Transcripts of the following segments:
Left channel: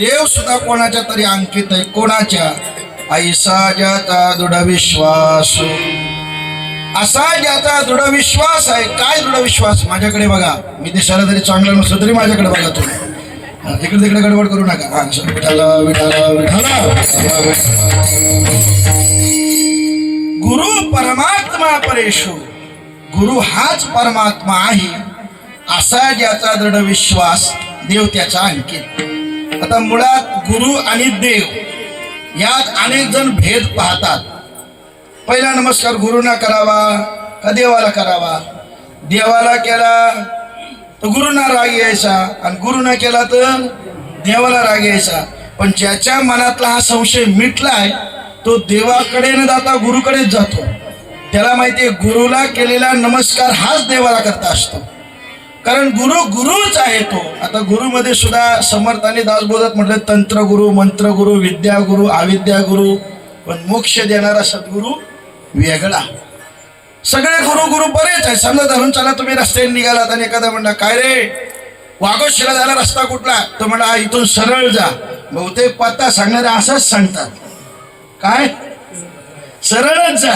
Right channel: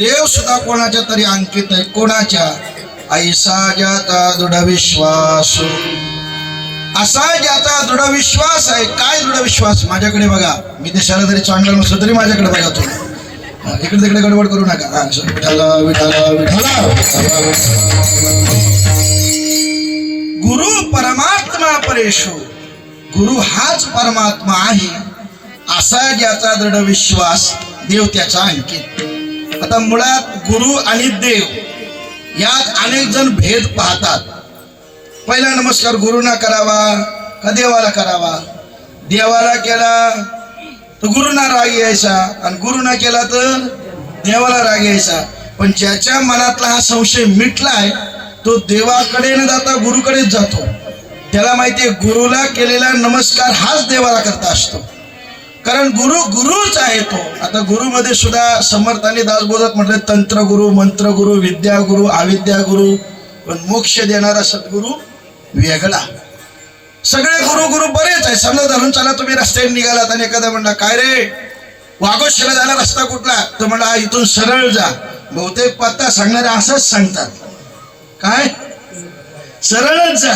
देव सुद्धा कोणाच्या तरी अंकित आहे. कोणाच्या? ऐसा ज्याचा दृढ विश्वास, असा ज्याचा दृढ विश्वास आहे. काय दृढ विश्वास? माझ्याकडे बघा, मी दिसायला जरी चांगलं नसलं तरी माझ्याकडे बघा तुम्ही. इकडे तिकडे गडबड करू नका. हा, विठाला विठाला विठाला. गुरु परमात्मा परेशो, गुरु हाच परमात्मा आहे असा ज्याचा दृढ विश्वास, देव त्याचा अंकित. आता मुळात गुरु आणि देव यात अनेक जण भेद पाहतात. पहिला नमस्कार गुरुना करावा का देवाला करावा? देवाला केला तर गुरुना राग यायचा आणि गुरुना केला तर देवाला राग यायचा. पण ज्याच्या मनातला हा संशय मिटलाय तो देवाकडे न जाता गुरुकडेच जातो. त्याला माहिती आहे गुरुला केलेला नमस्कार हाच देवाला करता असतो, कारण गुरु गुरुच आहे तो. आता गुरुमध्ये सुद्धा समर्थाने दासबोधात म्हटलं तंत्र गुरु, मंत्र गुरु, विद्या गुरु, अविद्या गुरु, पण मोक्ष देणारा सद्गुरु वेगळा. सगळे गुरु गुरु बरेच आहे. समजा धरून चला तुम्ही रस्त्याने निघालात आणि एखादा म्हणला काय रे वाघोशीला जायला रस्ता कुठला? तो म्हणला इथून सरळ जा. बहुतेक पत्ता सांगणारे असाच सांगतात, काय सरळच जा.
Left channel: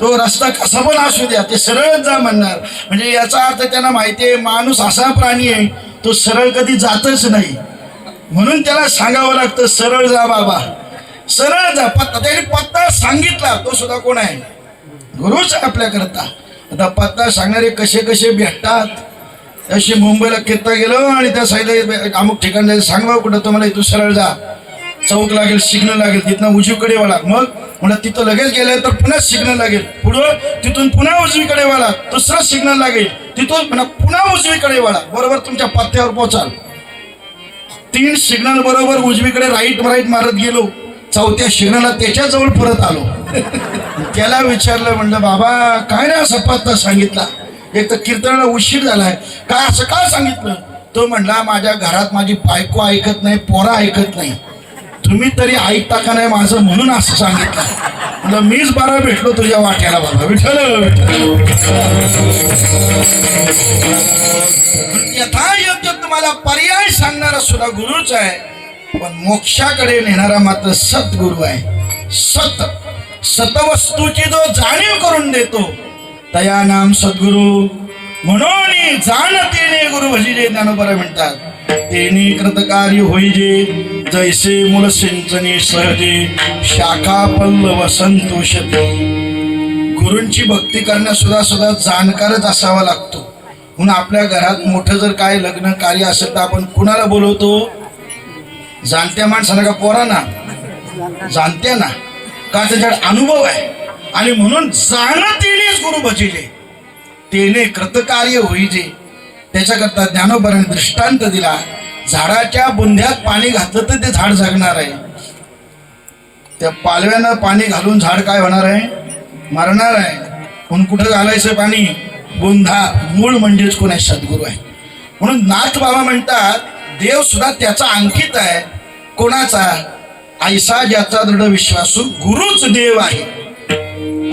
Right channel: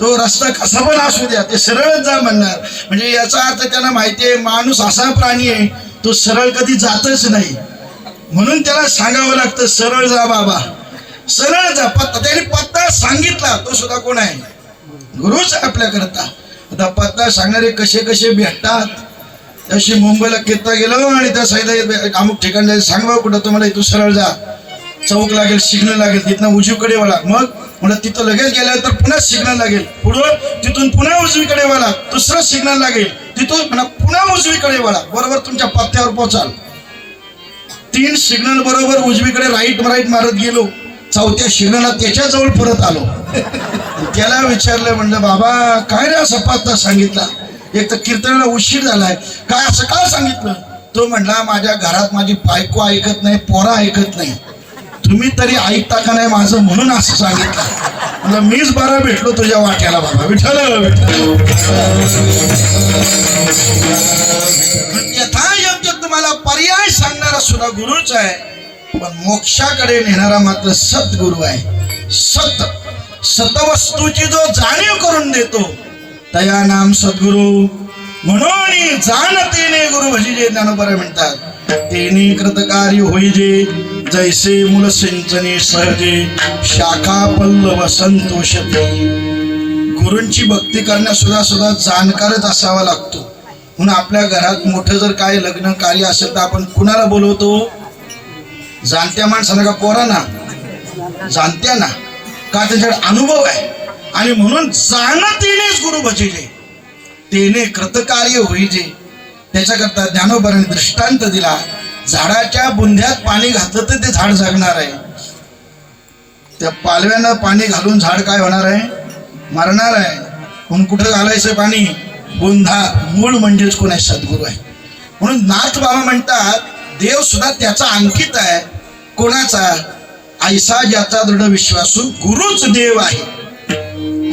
तो रस्ता कसा पण असू द्या ते सरळच जा म्हणणार. म्हणजे याचा अर्थ त्यांना माहिती आहे माणूस असा प्राणी आहे तो सरळ कधी जातच नाही, म्हणून त्याला सांगावं लागतं सरळ जा बाबा, सरळ जा. पत्ता त्याने पत्ता सांगितला तो सुद्धा कोण आहे? गुरुच आपल्याकरता. आता पत्ता सांगणारे कसे कसे भेटतात. तशी मुंबईला कित्ता गेलो आणि त्या साईडला अमुक ठिकाण जायचं, सांगा कुठं तुम्हाला इथून सरळ जा, चौक लागेल, सिग्नल लागेल, तिथनं उजवीकडे वळा. मग म्हणलं तिथं लगेच गेलं तर पुन्हा सिग्नल लागेल, पुढं तिथून पुन्हा उजवीकडे वळा, दुसरं सिग्नल लागेल, तिथून पुन्हा उजवीकडे वळा, बरोबर तुमच्या पत्त्यावर पोचाल. 3 सिग्नल बरोबर उजवीकडे राईट मारत गेलो, चौथ्या सिग्नलला त्याच्याजवळ परत आलो. त्याला विचारलं, म्हणलं बाबा काय रे असा पत्ता सांगितला? एक तर कीर्तनाला उशीर झालाय, काय असं का सांगितलं? तो म्हणला माझ्या घरात माझी बायको ऐकत नाही, पोरा ऐकत नाही, तुम्ही तरी ऐकता का नाही माझं, म्हणून असं सांगितलं. म्हणलं मीच बरं भेटलो तुझ्या वाट्याला बाबा. विठ्ठल यथायोग्य तुम्हाला पर्याय सांगणारा सुद्धा गुरुच आहे, पण मोक्षाकडे नेणारा मात्र सद्गुरु आहे. सतवस्तूची जो जाणीव करून देतो तया नाम सद्गुरु. म्हणून जाणतेने गुरु भजिजे ज्ञानोबा म्हणतात. तेने कृतकार्य होईजे जैसे मूळ सिंचने सहजे शाखा पल्लव संतोषते. गुरूंची भक्ती करण्यास सुद्धा जाणकारच असावा लागतो. म्हणून आपल्या घरात मोठं जर काय लग्न कार्य असेल तर आपण कुणाला बोलवतो? जाणत्या माणसाला का पोरांना? जाणत्या ना, का त्याच्याकडे अनुभव आहे. आणि म्हणून जाणतेनेच गुरु भजिजे तेने कृतकार्य होईजे. त्याच्याकरता ज्ञानोबाने दृष्टांत दिला. झाडाच्या बुंध्यात पाणी घातलं तर ते झाड जगणार आहे, त्या पालव्यानं पाणी घालून झाड काय होणार आहे? मरणार आहे. म्हणून कुठं घालायचं पाणी? बुंधा. मूळ म्हणजेच कोण आहे? सद्गुरू आहे. म्हणून नाथ बाबा म्हणतात देव सुद्धा त्याचा अंकित आहे. कोणाचा? ऐसा ज्याचा दृढ विश्वासू गुरुच देव आहे.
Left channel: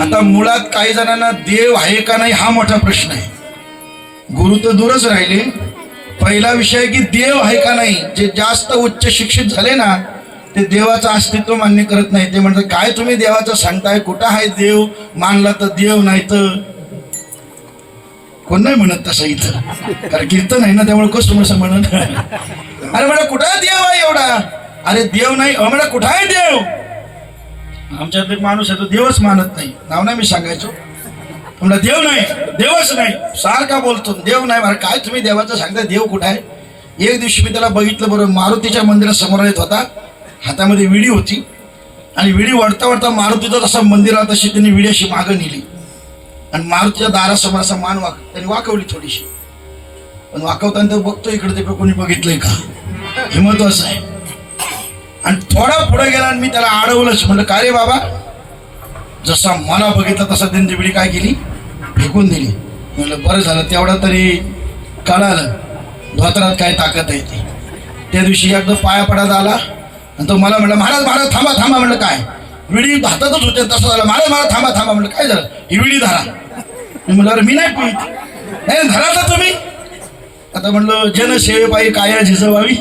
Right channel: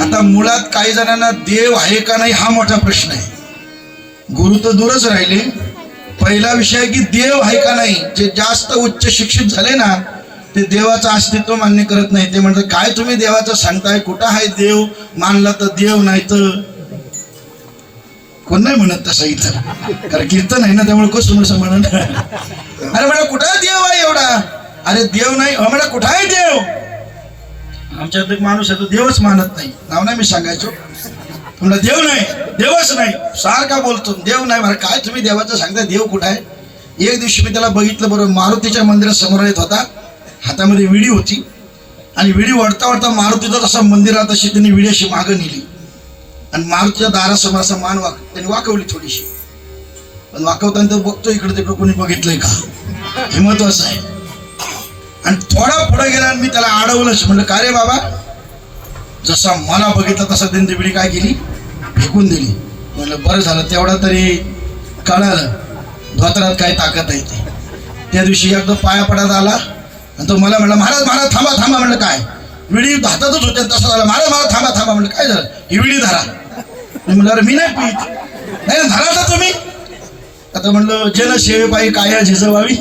आता मुळात काही जणांना देव आहे का नाही हा मोठा प्रश्न आहे. गुरु तर दूरच राहिले. पहिला विषय की देव आहे का नाही. जे जास्त उच्च शिक्षित झाले ना ते देवाचं अस्तित्व मान्य करत नाही. ते म्हणतात काय तुम्ही देवाचं सांगताय, कुठं आहे देव? मानला तर देव, नाही तर कोण नाही म्हणत तसं इथं, कारण कीर्तन आहे ना त्यामुळे कसं म्हणत. अरे म्हणा कुठं देव आहे एवढा? अरे देव नाही. म्हणा कुठं आहे देव? आमच्यात एक माणूस आहे तो देवच मानत नाही, नाव नाही मी सांगायचो. म्हणलं देव नाही, देवच नाही, सारखा बोलतो देव नाही. मला काय तुम्ही देवाचं सांगताय, देव कुठं आहे? एक दिवशी मी त्याला बघितलं, बरोबर मारुतीच्या मंदिरात समोर येत होता, हातामध्ये विडी होती आणि विडी वळता वळता मारुतीचा तसा मंदिरात अशी त्यांनी विडी अशी मागं नेली आणि मारुतीच्या दारासमोर असा मान त्यांनी वाकवली थोडीशी. पण वाकवताना तर बघतो इकडे तिकडे कोणी बघितलंय का, हे महत्वाचं आहे. आणि थोडा पुढे गेला आणि मी त्याला अडवलंच. म्हणलं काय रे बाबा, जसा मला बघितलं तसा त्यांनी विडी काय केली, फेकून दिली. म्हणलं बरं झालं तेवढा तरी कळालं धोत्रात काय ताकद आहे ते. त्या दिवशी एकदा पाया पडत आला आणि तो मला म्हणलं महाराज महाराज थांबा थांबा. म्हणलं काय? विडी हातातच होते. तसं झालं महाराज महाराज थांबा थांबा. म्हणलं काय झालं? ही विडी धरा. मी म्हणलं अरे मी नाही पित. नाही धरा तर तुम्ही. आता म्हणलं जनसेवे पायी काय झिजवावी.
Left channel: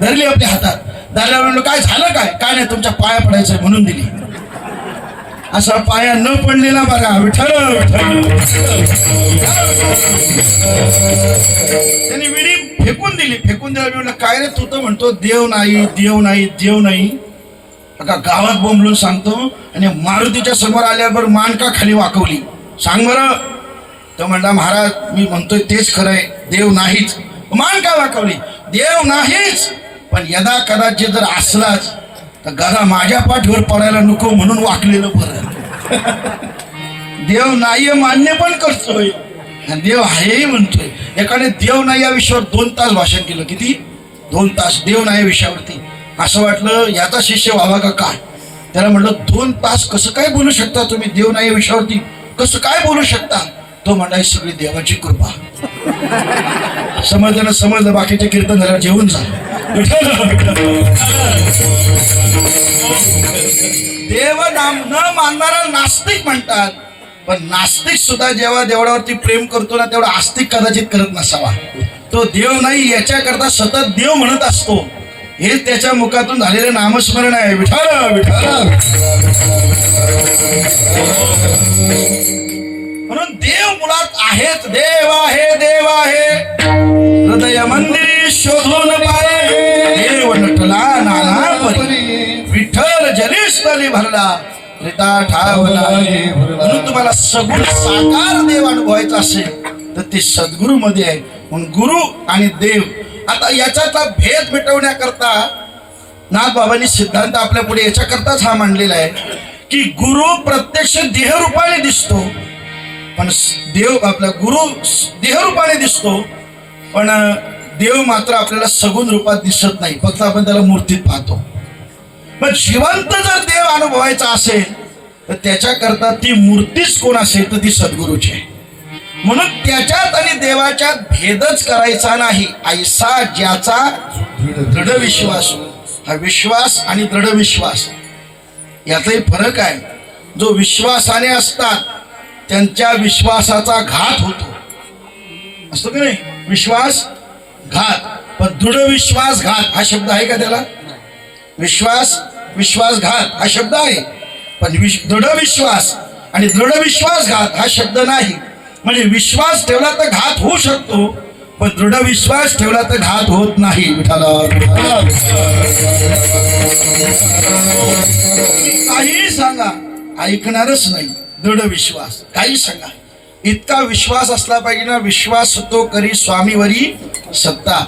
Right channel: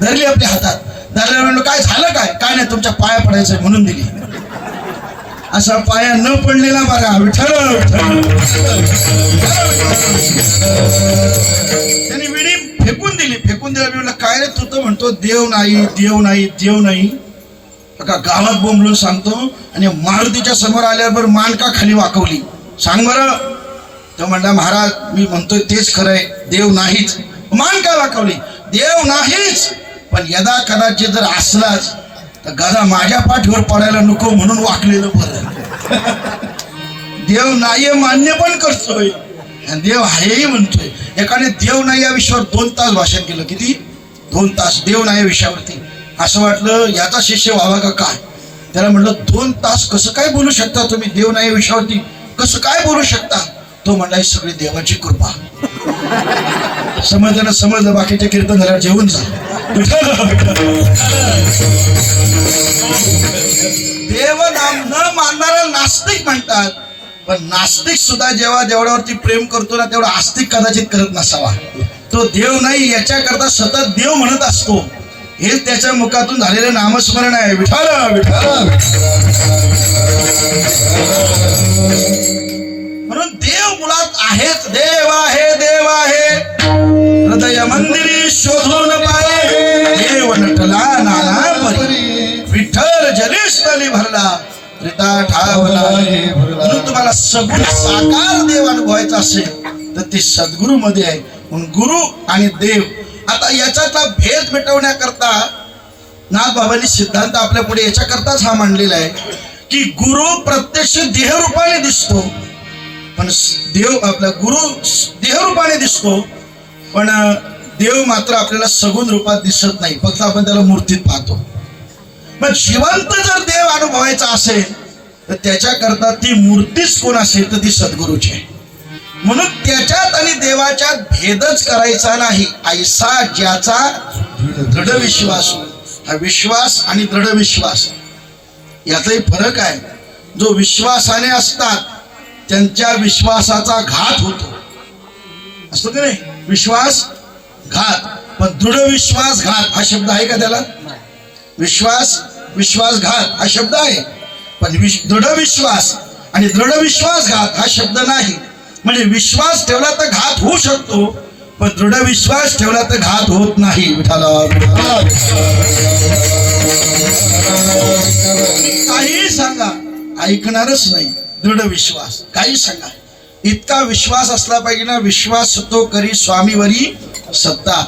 धरली आपल्या हातात. दादाला म्हणलं काय झालं काय नाही तुमच्या पाया पडायचंय म्हणून दिली. असा पाया न पडलेला बघा विठ्ठल. त्यांनी विडी फेकून दिली. फेकून दिला. म्हणलं काय रे तू तर म्हणतो देव नाही देव नाही देव नाही. का गावात बोंबलून सांगतो आणि मारुतीच्या समोर आल्यावर मान का खाली वाकवली सांग बरं. तो म्हणला महाराज मी म्हणतोय तेच खरंय देव नाहीच. मान का वाकवली. देव नाहीच पण यदा कदाचित जर असलाच तर गदा माझ्या पाठीवर पडायला नको म्हणून वाकलेलं बरं. देव नाही मान्य पण करतोय आणि देव आहेही म्हणतोय. एकाने देव नाही या विषयावर 2 तास भाषण केलं. किती 2 तास देव नाही या विषयावरती. असं वाटलं याचा शिष्य व्हावा का काय. त्याला म्हटलं 2 तास कसं काय बोलू शकता तुम्ही देव नाही या विषयावरती कसं काय बोलू शकता. तो म्हणला ही सगळी देवाची कृपा. समजलं ना समजलं. बाकीचे कीर्तन झाल्यावर जेवून जा. देव नाम न मानणारा नास्तिक म्हणतात. पण नास्तिक सुद्धा जेव्हा देवळावरती प्रेम करतो ना तेवढा आस्तिक कदाचित करत नसावा. तो देव नाही याच्याकरता सतत देव म्हणत असतो. हे त्याच्या मुखातून झालेले नामस्मरण आहे. विठ्ठल विठ्ठल. म्हणून देव मुळात आहेच. देव आहे देव आहे हृदय मंदिरी शोधून पाये. देव नटला नाना परी विठ्ठल जनिस्थली भरला रिता ठावला. म्हणून तुम्हाला सगुण साकार देव अनुभवायचा असेल तर ते सद्गुरू मध्ये आहे. म्हणून गुरु आणि देव. आता याच्यातला भेद मिटवण्याकरता नाथबाबांनी सिद्धांत आपल्या पुढे याच्याकरताच हा मांडलेला आहे की गुरु प्रत्यक्ष देहरूपाने दिसतो पण देव आपला गुरु देहरूपाने दिसतो पण देव मात्र आपल्याला सगुण रूपात दिसत नाही. फक्त आपण त्याला मूर्तीत पाहतो. मग जिवंत जर देव अनुभवायचा असेल तर त्याच्याकरता ती मूर्तीच कोण असेल तर ती सद्गुरूची आहे. म्हणून त्याच्यात आणि देवाच्यात भेदच करायचा नाही. ऐसा ज्याचा दृढ विश्वास. हा विश्वास आणि दृढ विश्वास याचाही फरक आहे. जो विश्वासाने असतात त्यांच्या विश्वासाचा घात होतो असतो की नाही. विश्वास घात पण दृढ विश्वासघात हा शब्द आहे का त्याला. विश्वास विश्वासघात हा शब्द आहे पण दृढ विश्वास आणि दृढ विश्वासघात हा शब्द नाही. म्हणजे विश्वास ठेवला तर घात होऊ शकतो पण दृढ विश्वास ठेवला तर घात होत नाही. काही सांगा ऐकणारच नाही. दृढ विश्वास काही सांगा. इतका विश्वास असला पाहिजे ना. विश्वास तो करी स्वामीवरी सत्ता.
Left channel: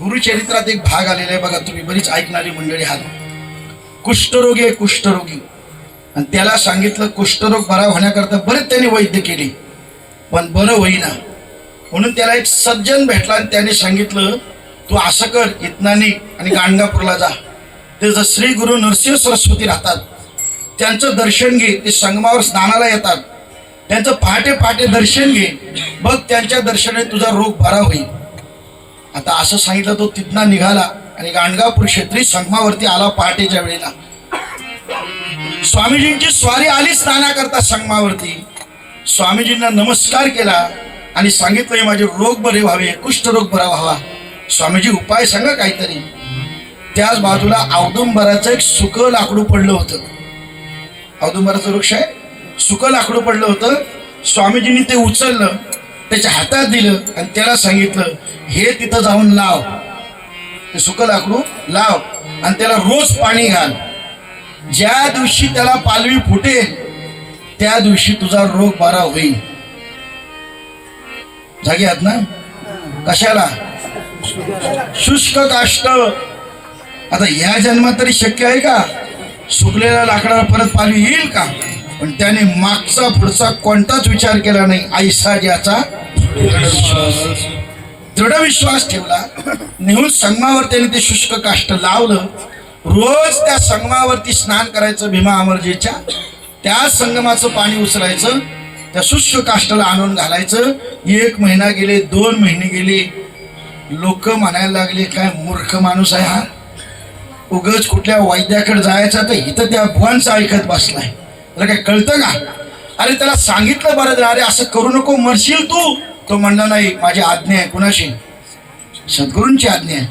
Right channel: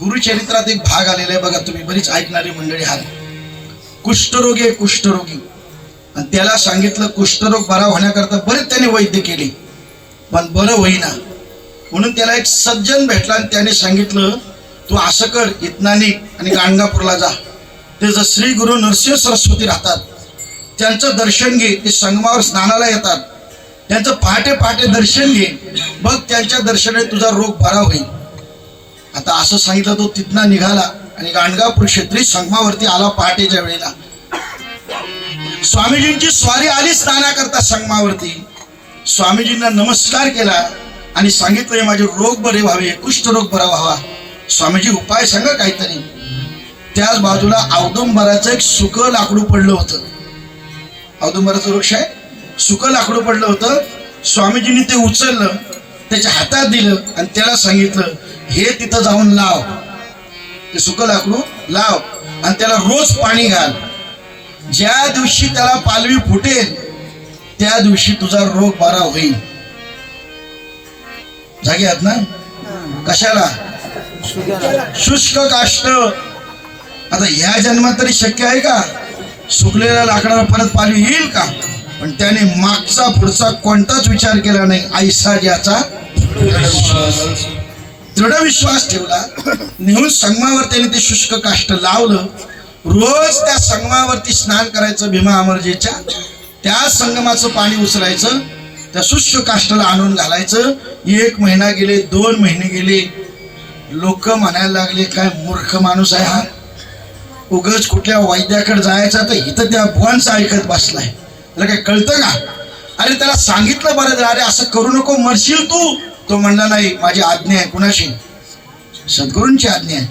गुरुचरित्रात एक भाग आलेला आहे बघा. तुम्ही बरीच ऐकणारी मंडळी आहात. कुष्ठरोगी आहे कुष्ठरोगी आणि त्याला सांगितलं कुष्ठरोग बरा होण्याकरता बरेच त्याने वैद्य केले पण बरं होईना. म्हणून त्याला एक सज्जन भेटला आणि त्याने सांगितलं तू असं कर इतनानी आणि गाणगापूरला जा. ते जर श्री गुरु नरसिंह सरस्वती राहतात त्यांचं दर्शन घे. ते संगमावर स्नानाला येतात. त्यांचं पहाटे पहाटे दर्शन घे. बघ त्यांच्या दर्शनाने तुझा रोग बरा होईल. आता असं सांगितलं. तो तिथनं निघाला आणि गाणगापूर क्षेत्री संगमावरती आला. पहाटेच्या वेळेला स्वामीजींची स्वारी आली स्नानाकरता संगमावरती. स्वामीजींना नमस्कार केला आणि सांगितलं माझे रोग बरे व्हावे कुष्ठरोग बरा व्हावा. स्वामीजी उपाय सांगा काहीतरी. त्याच बाजूला औदुंबराचं एक सुक लाकडू पडलं होतं. औदुंबराचं वृक्ष आहे. सुक लाकडू पडलं होतं. स्वामीजींनी ते उचललं त्याच्या हातात दिलं आणि त्याला सांगितलं हे तिथं जाऊन लाव. ते सुक लाकडू लाव आणि त्याला रोज पाणी घाल. ज्या दिवशी त्याला पालवी फुटेल त्या दिवशी तुझा रोग बरा होईल. जागे आहात ना. कशाला शुष्क काष्ट. आता या जन्मात तरी शक्य आहे का सुकलेल्या लाकडाला परत पालवी येईल का. पण त्याने मागचा पुढचा कोणताच विचार केला नाही. ऐसा ज्याचा दृढ विश्वास ठेवला. नेहून संगमावर त्याने ते शुष्क काष्ट लावलं. रोज त्या संगमावरती स्नान करायचं. भीमा अमरजेच्या त्या संगमाचं पाणी उचलायचं. त्या शुष्क काष्टाला आणून घालायचं. 1 महिना गेले 2 महिने गेले. लोक म्हणायला लागले काय मूर्ख माणूस आहे हा. उगाच कुठल्या वैद्याकडे जायचा तर इथं त्या भुवांचं ऐकत बसलाय. त्याला काय कळतं का. अरे त्याला सांगितलं बरं अरे असं करू नको मरशील तू. तो म्हणला नाही माझी आज्ञा आहे. कुणाशी. सद्गुरूंची आज्ञा आहे.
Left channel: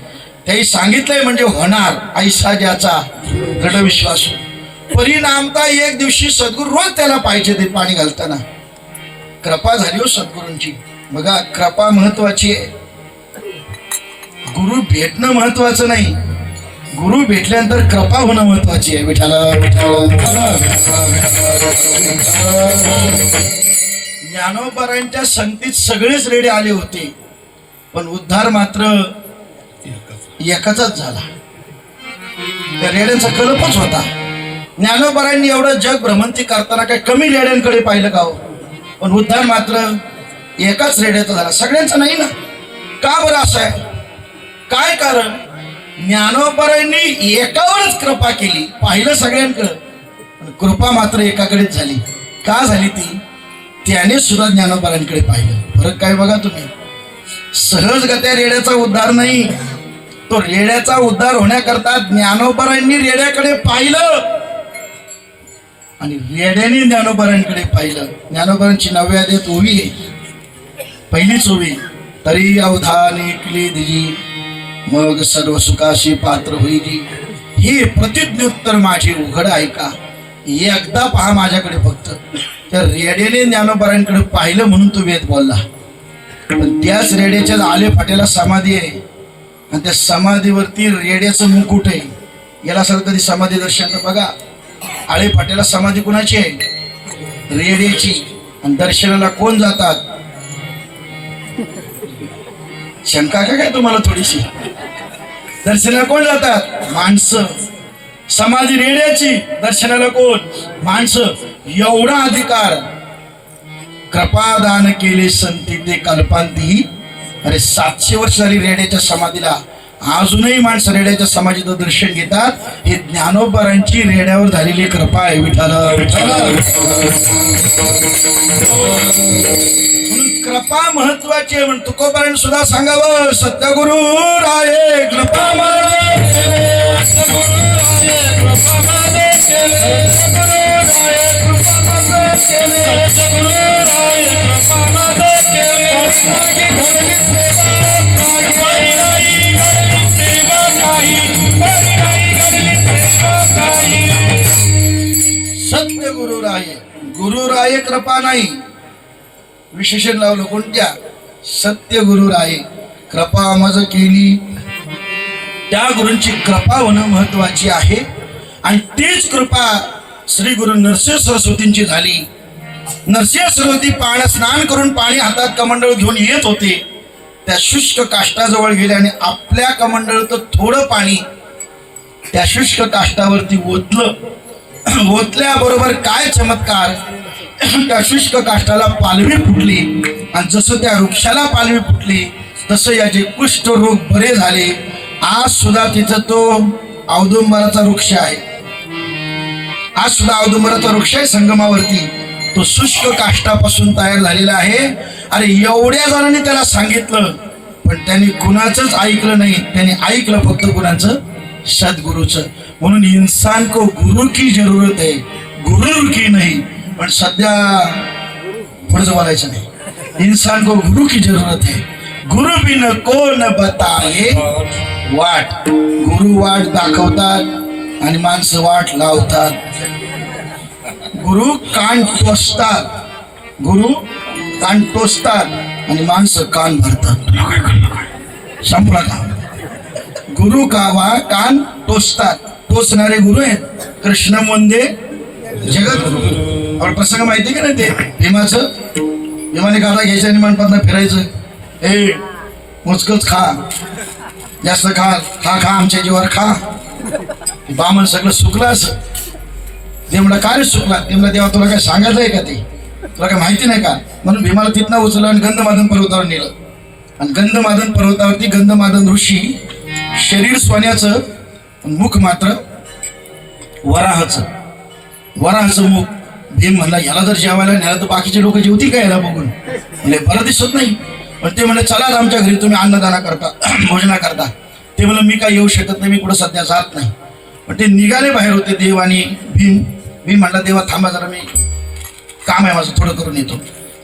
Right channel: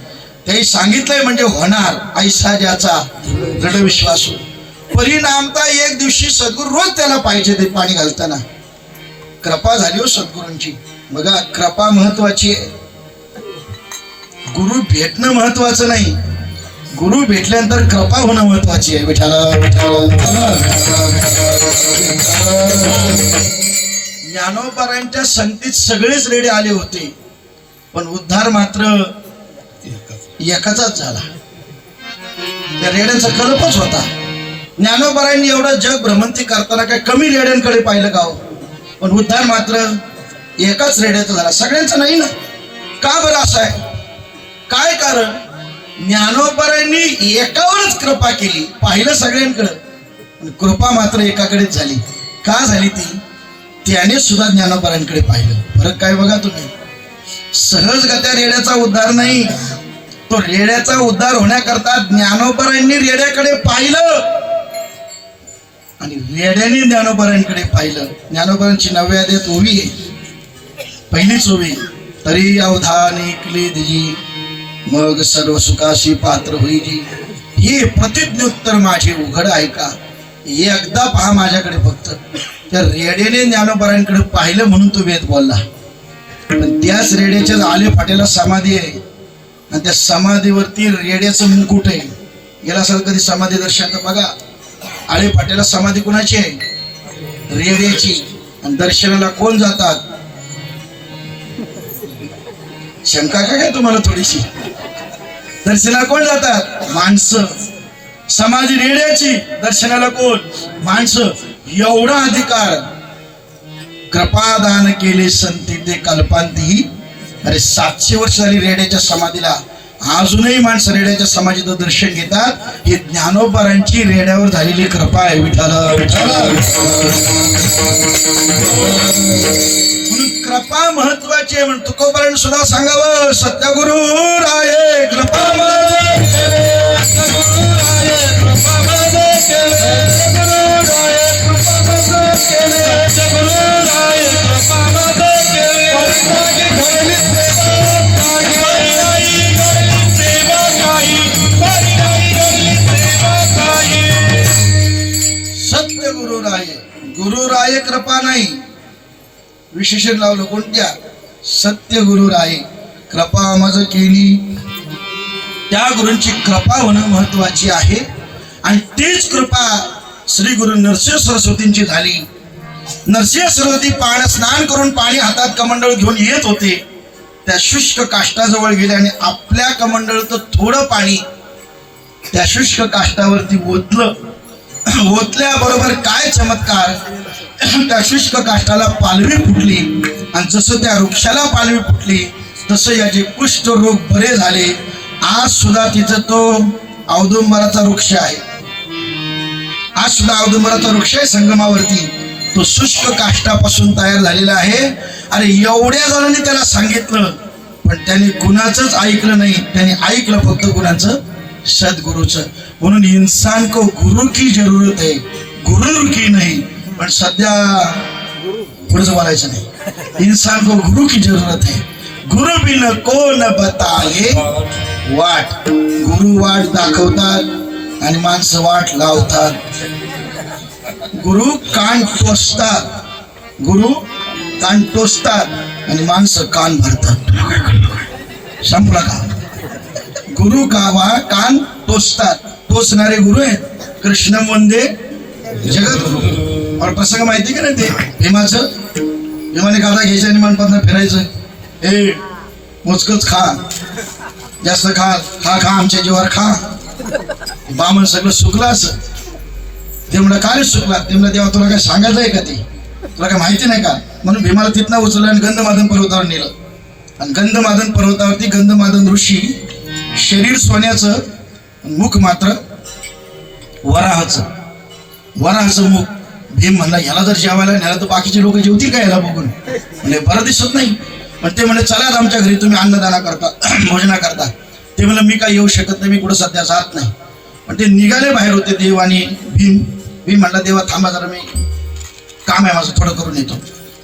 त्याही सांगितलंय म्हणजे होणार, ऐसा ज्याचा दृढ विश्वास. परिणामता एक दिवशी सद्गुरू रोज त्याला पाहिजे ते पाणी घालताना. कृपा झाली हो सद्गुरूंची. बघा, कृपा महत्वाची आहे. गुरु भेटणं महत्वाचं नाही, गुरु भेटल्यानंतर कृपा होणं महत्वाची आहे. विठाला ज्ञानोबारांच्या संगतीत सगळेच रेडे आले होते, पण उद्धार मात्र एकाचाच झाला. त्या रेड्यांचा कल्पच होता. ज्ञानोबारांनी एवढं जग भ्रमंती करताना काय कमी रेड्यांकडे पाहिलं का हो? पण उद्धार मात्र एकाच रेड्याचा झाला, सगळ्यांचा नाही ना. का बरं असं आहे? काय कारण? ज्ञानोबारांनी एकावरच कृपा केली, पाहिलं सगळ्यांकडं, पण कृपा मात्र एकाकडेच झाली. का झाली ती? त्याने सुद्धा ज्ञानोबारांकडे पाहिलं. फरक काय बघा तुम्ही. सहजगत्या रेड्याचा उद्धार नाही, तो रेड्याचा उद्धार होण्याकरता ज्ञानोबारांनी रेड्याकडे पाहिलं आणि रेड्याने ज्ञानोबारांकडे पाहिलं. ज्ञानोबारांची 9व्या अध्यायात ओवी आहे, पहिलीच ओवी. तरी अवधान ऐकली दिजी, मग सर्व सुखाशी पात्र होईली. हे प्रतिज्ञोत्तर माझे उघड आहे का? एकदा पहा माझ्याकडे फक्त. त्या रेड्याने ज्ञानोबारांकडे पाहिलं म्हणून तो वेद बोलला. पण त्याच रेड्याच्या आले फाट्याला समाधी आहे आणि त्या समाधीवरती रेड्याचं मुकुट आहे. याला असं कधी समाधी दर्शन बघा. आळे फाट्याला समाधी कुणाची आहे? रेड्याची. आणि दर्शनाला कोण जातात? शंका काय तुम्हाला थोडीशी? दर्शनाला कोण जातात? माणसं. समाधी रेड्याची, दर्शनाला कोण? माणसं. एवढा अधिकार कृपादान केले संती ते कल्पांती. अरे 700 वर्ष झाली रेड्याच्या समाधीला, अजूनही माणसं रेड्याच्या समाधीचं दर्शन घेतात. हे ज्ञानोबारांची रेड्यावर झालेली कृपा आहे. विठाला म्हणून कृपा महत्वाची आहे. म्हणून तुकोबारांनी सुद्धा सांगावं, सत्यगुरु राये कृपा सत्य गुरुराय. गुरुराय कृपा नाही, विशेषण लावलं. कोणत्या? सत्य गुरुराय कृपा मज केली. त्या गुरूंची कृपा होणं महत्वाची आहे. आणि तीच कृपा श्री गुरु नरसिंह सरस्वतींची झाली. नरसिंह सरस्वती पाण्यात स्नान करून पाणी हातात कमंडळ घेऊन येत होते. त्या शुष्क काष्ठाजवळ गेले आणि आपल्या कमंडळाचं थोडं पाणी त्या शुष्क काष्ठावरती ओतलं. ओतल्याबरोबर काय चमत्कार, त्या शुष्क काष्ठाला पालवी फुटली. आणि जसं त्या वृक्षाला पालवी फुटली तसं याचे कुष्ठ रोग बरे झाले. आज सुद्धा तिथं तो औदुंबराचा वृक्ष आहे. आज सुद्धा औदुंबराचा वृक्ष आहे संगमावरती. तो शुष्क काष्ठापासून तयार झालेला आहे. अरे एवढ्या जणांनी त्याला सांगितलं, पण त्यांनी कुणाचंच ऐकलं नाही. त्यांनी ऐकलं फक्त कुणाचं? सद्गुरूचं. म्हणून इंसान को गुरु की जरूरत है, गुरु की नहीं. पण सध्या पुढचं बोलायचं नाही. इंसान को गुरु की जरूरत है, गुरु बिन कोण बताये वाट. गुरु वाट दाखवतात आणि माणसं वाट लावतात. गुरु कान टोचतात, गुरु कान टोचतात आणि माणसं कान भरतात. संपला का? गुरु कान टोचतात. टोचणारे गुरु आहेत कृष्ण वंदे जगद्गुरु. और प्रसंग माहिती का नाही ते भीमाचं? भीमाने काढा घ्यायचं आणि मनपातनं फिरायचं. ए मोजकच खा, जास्त खा खा खा आमच्या जीवावर खा. बामण सगळं सुकलं असं. ते म्हणलं का रे सुकला? ते म्हणलं तेव्हा तुला काय सांगायचं आहे का? ते तुला काय माहिती नाही का? म्हणून भीमाला तिथनं उचललं आणि गंधमादन पर्वतावर नेलं. आणि गंधमादन पर्वतावरती गंधमादन ऋषी शरीर सोन्याचं, मुख मात्र वराहाचं. वराहाचं मुख. भीम म्हणला याला जर जेवायला नेला तर बाकीचे लोक जेवतील का याला बघून? म्हणजे बरं दिसत नाही. पण ते म्हणले चला आमच्या घरी, तुम्ही अन्नदाना करता, भोजना करता. ते म्हणलं मी काय येऊ शकत नाही, मी कुठं सध्या जात नाही. पण ते निघाले बाहेर होते देव आणि भीम. भीम म्हणला देवा थांबा जरा, मी काम आहे माझं, थोडं करून येतो.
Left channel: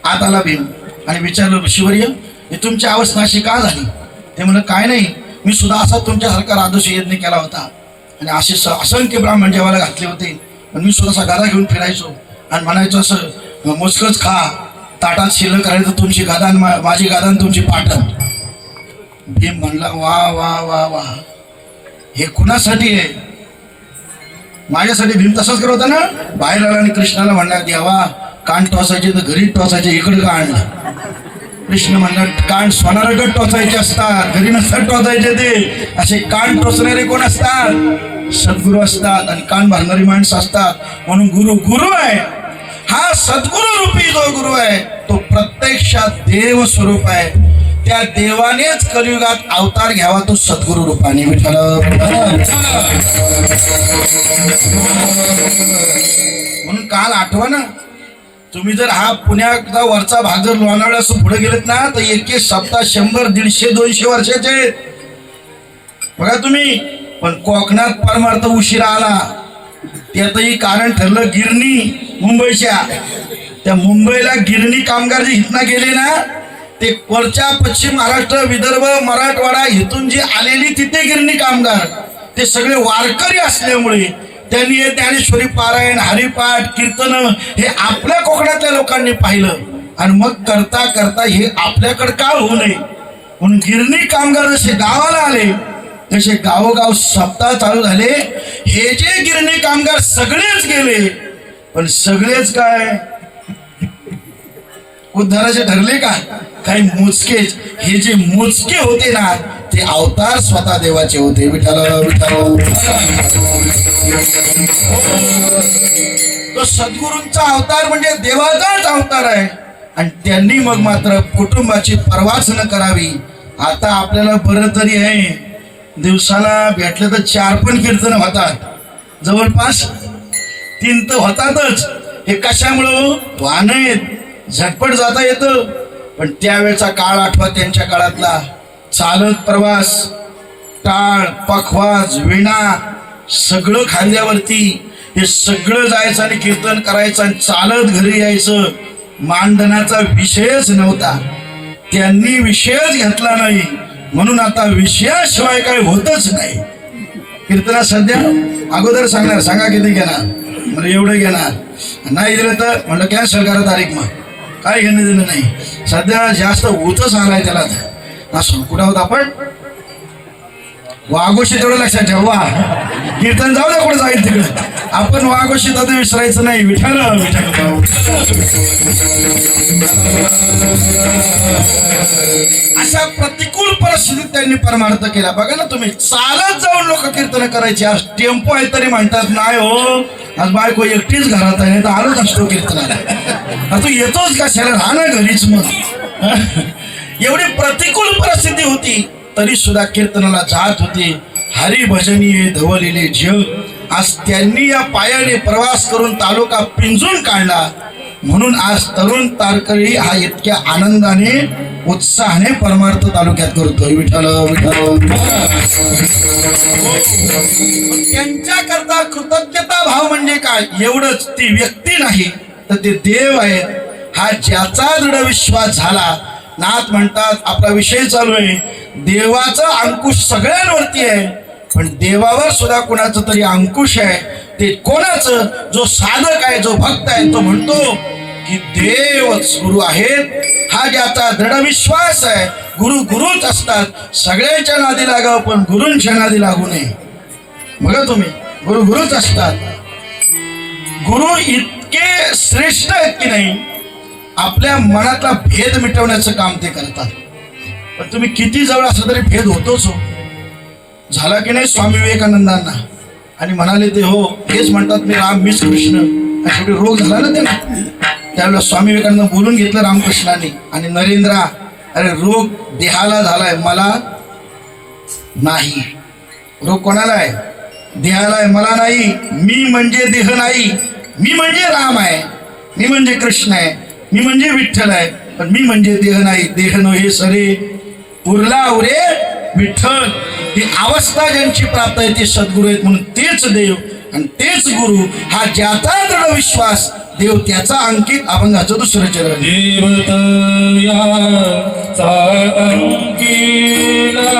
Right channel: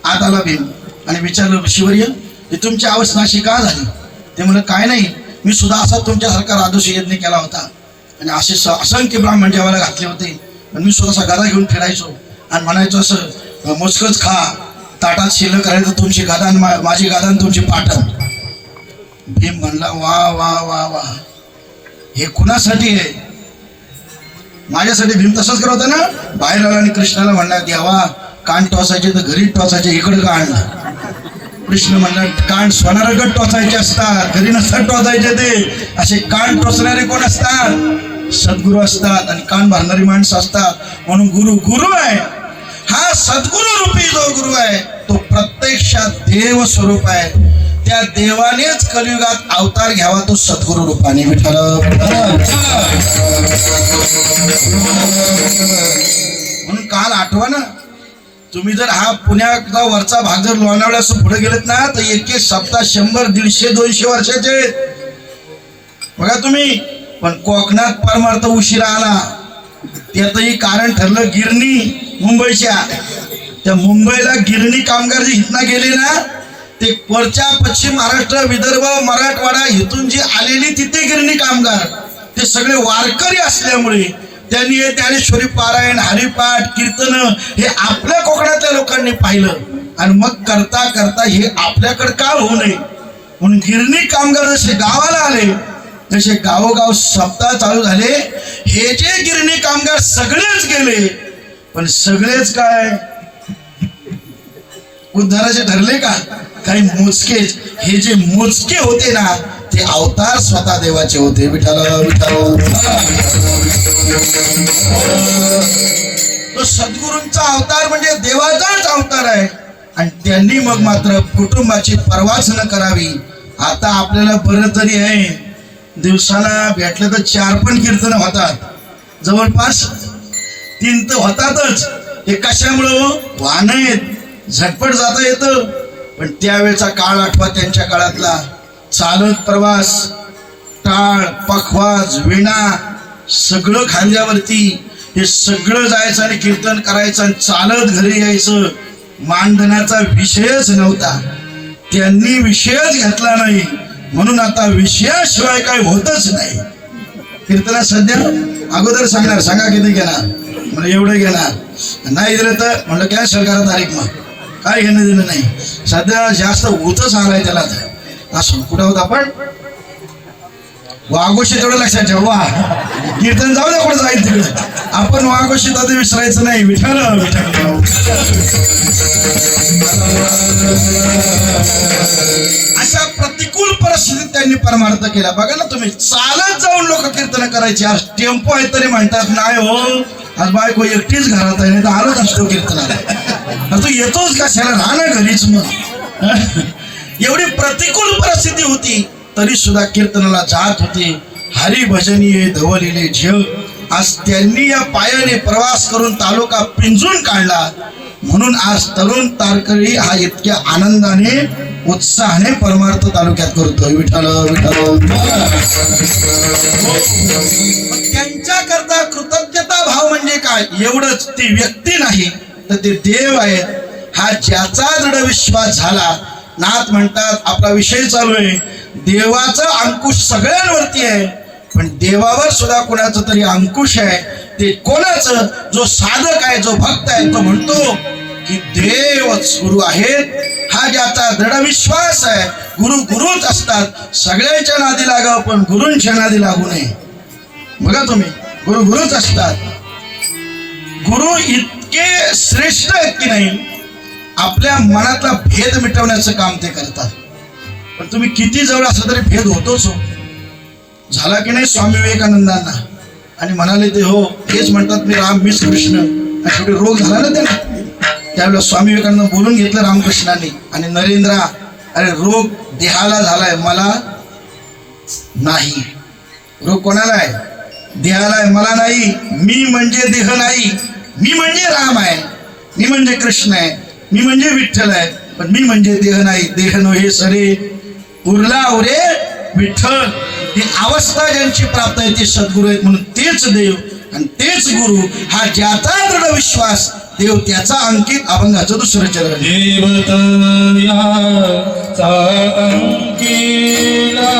आत आला भीम आणि विचारलं ऋषीवर्य हे तुमची अवस्था अशी का झाली? ते म्हणलं काय नाही, मी सुद्धा असा तुमच्यासारखा राजोशी यज्ञ केला होता आणि असे असंख्य ब्राह्मण जेवायला घातले होते. पण मी सुद्धा असा गदा घेऊन फिरायचो आणि म्हणायचो असं मोजकच खा, ताटात शिल्लक करायचं तुमची गादा आणि माझी गादा आणि तुमची पाटण. भीम म्हणला वा वा वा वा, हे कुणासाठी आहे? माझ्यासाठी भीम तसंच करत होता ना. बाहेर आला आणि कृष्णाला म्हणणार देवा कान टोचायचे तर घरी टोचायचे, इकडे का आणलं? कृष्ण म्हणला कान सोनारगट टोचायचे असतात, घरी नसतात टोचायचे. ते असे कान टोचणारे कोण असतात? सद्गुरू असतात आणि कान भरणारी माणसं असतात. म्हणून गुरु गुरु आहे. हा सद्गुरू रूपी जो गुरु आहे तो प्रत्यक्षात देव स्वरूप आहे. त्या देवानेच कलियुगात अवतार घ्यावा, तो सद्गुरू रूपाने. विठ्ठल म्हणून काल आठवा ना, तुम्ही जर हा पुण्याचा वरचा भाग जर लोणावळ्यापासून पुढे गेलेत ना तर एक सप्ताह 100, 150, 200 वर्षाचे बघा तुम्ही. पण कोकणात परमार्थ उशिरा आला. त्यातही कारण ठरलं गिरणी मुंबईच्या. त्या मुंबईला गिरणी कामगार जे इथनं गेले ना ते वरच्या पश्चिम महाराष्ट्र, विदर्भ, मराठवाडा इथून जे आलेली तिथे गिरणी कामगार ते सगळे वारकरी असल्यामुळे त्यांनी हे ज्ञानेश्वरी पारायण, हरिपाठ, कीर्तन हे आपल्या कोकणातल्या लोकांनी पाहिलं आणि मग करता करता हे आपल्याकडे का होऊ नये म्हणून गिरणी कामगार जसे गावाला आले तसे गावोगाव सप्ताह चालू झाले. हे जे गिरणी कामगार सगळेच गेले, पण सगळेच काय उद्धाराचे ठरले का? काही मोजकेच. हे जे मोजके होते ना ते अवतार स्वतः देवाचे होते. विठ्ठल विठ्ठल. तो सद्गुरूंचा अवतार म्हणजे देवाचाच अवतार आहे. आणि त्यांनी मग मात्र कुटुंबाची पर्वाच न करावी. आता आपल्याला बरं तरी आहे, दिवसाला भेटलं तर 4 पण कीर्तन होतात, जवळपास 3 तर होतातच. हे कशामुळं? वाहन आहेत, झटपट जाता येतं. पण त्यावेळेचा काळ आठवा, त्यांच्या काळातला चालत प्रवास, टाळ, पखवाज, विणा सगळं खांद्यावरती. हे सगळं जायचं आणि कीर्तन करायचं आणि चालत घरी यायचं. मानधनाचा विषयच नव्हता. त्यांनी विषयच घेतला नाही म्हणून आता विषयाशिवाय काय होतच नाही. कीर्तना सध्या अगोदर सांगणार, सांगा किती घेणार, म्हणजे एवढं घेणार, नाही दिलं तर म्हणलं कॅन्सल करा तारीख. मग काय घेणं दिलं नाही. सध्या जास्त होतच आलाय त्याला. असं कुठं होत आपण वाघोशी थोडं लक्षात ठेवा. कीर्तन जाऊ द्या कुठं जाईल तिकडं, आपण वाघोशी तर विसरायचं नाही. विठ्ठल अशा प्रतिकूल परिस्थितीत त्यांनी परमार्थ केला. बघा ना तुम्ही, चालत जाऊन लोक कीर्तन करायचे. आज टेम्पो आहे तरी म्हणतात नाही हो आज बायको एकटीच घरात आहे, नाही तर आलोच असतो कीर्तनाला. तू येतोच कशाला, राहा ना घरीच. मग एवढी प्रतिकूल परिस्थिती होती तरी सुद्धा कीर्तनाला जात होते. हरिभजनीय धवलेले जग. आज त्यांनी या पायाने प्रवास करून तालुका पिंजून काढला म्हणून आज तरुण तारकरी हा इतक्या आनंदाने उत्साहाने परमार्थ तालुक्यात करतोय. विठ्ठल विठ्ठल. त्यांच्या करता कृतज्ञता भाव म्हणजे काय? एवढंच, ती व्यक्ती नाही तर ते देव आहेत. हा ज्याचा दृढ विश्वास झाला. नाथ म्हणतात, आपला विषय चालू आहे, देवाचा अंकुश सगळ्यांवरती आहे, पण देवावर सुद्धा कोणाचं तरी अंकुश आहे. ते कोणाचं? जो साधक आहे, जो भक्त आहे, तो म्हणतो की देवच गुरु आहेत. हा ज्याचा दृढ विश्वास आहे. गुरु गुरुच असतात. सगळ्यांच्या नादी लागावं पण गुरूंच्या नादी लागू नये. बघा तुम्ही, गुरु गुरुच असतात. गुरु इतके श्रेष्ठ आहेत की नाही, आपल्या मनातला भेद मिटवण्याचं काम ते करतात. पण तुम्ही किती जवळ असं तरी भेद होतोच हो. झाला की नाही स्वामी विवेकानंदांना, आणि म्हणाले ते हो हेच म्हणतात मी राम मीच कृष्ण. आणि शेवटी रोग झाला ना त्यांना. त्यावेळेला स्वामी विवेकानंद बोलून घेतलं रामकृष्णाने, आणि नरेंद्रा अरे रोग देहाला झालाय, मला नाही. रोग कोणाला आहे? देहाला आहे, मला नाही. मी म्हणजे देह नाही, मी म्हणजे राम आहे, मी म्हणजे कृष्ण आहे, मी म्हणजे विठ्ठल आहे, पण मी म्हणजे देह नाही. देह नो हे सरे उरला उरे विठ्ठल. ही अवस्था ज्यांची प्राप्त आहे ते सद्गुरू आहेत. म्हणून तेच देव आणि तेच गुरु. हा ज्याचा दृढ विश्वास, देव त्याचा अंकित. अभंगाचं दुसरं चरण. देवता अंकिला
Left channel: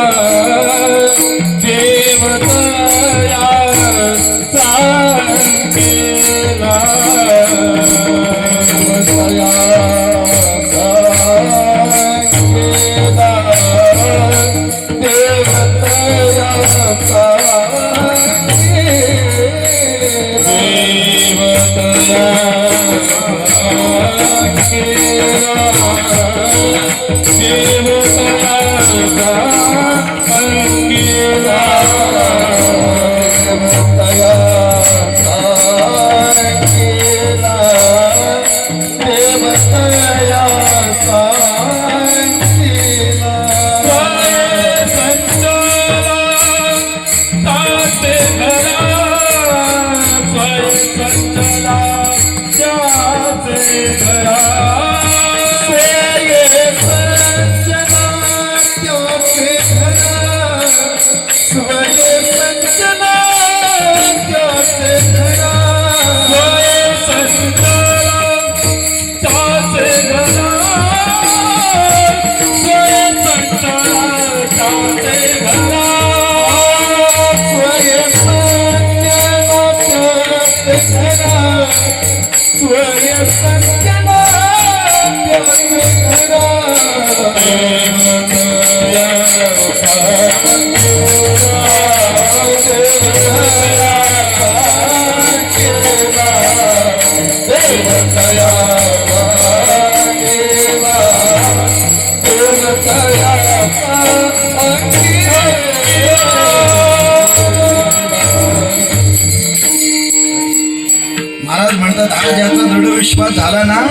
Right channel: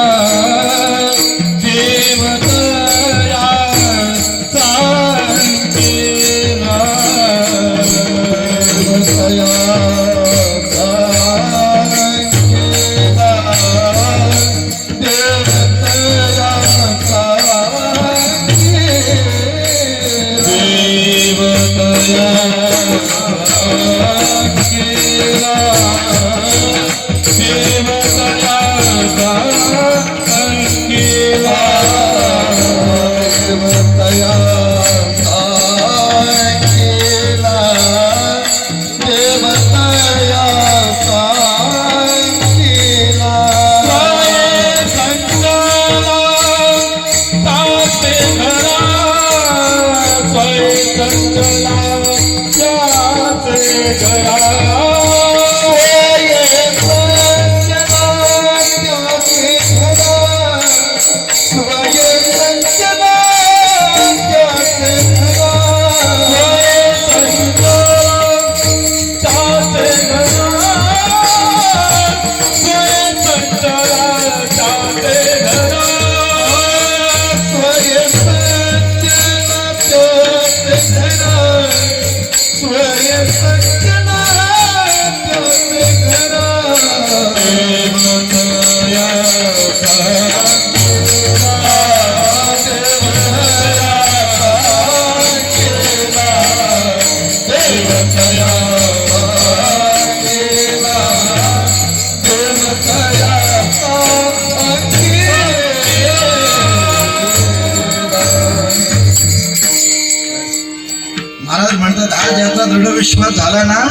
महाराज म्हणतात हा ज्याचा दृढ विश्वास झाला ना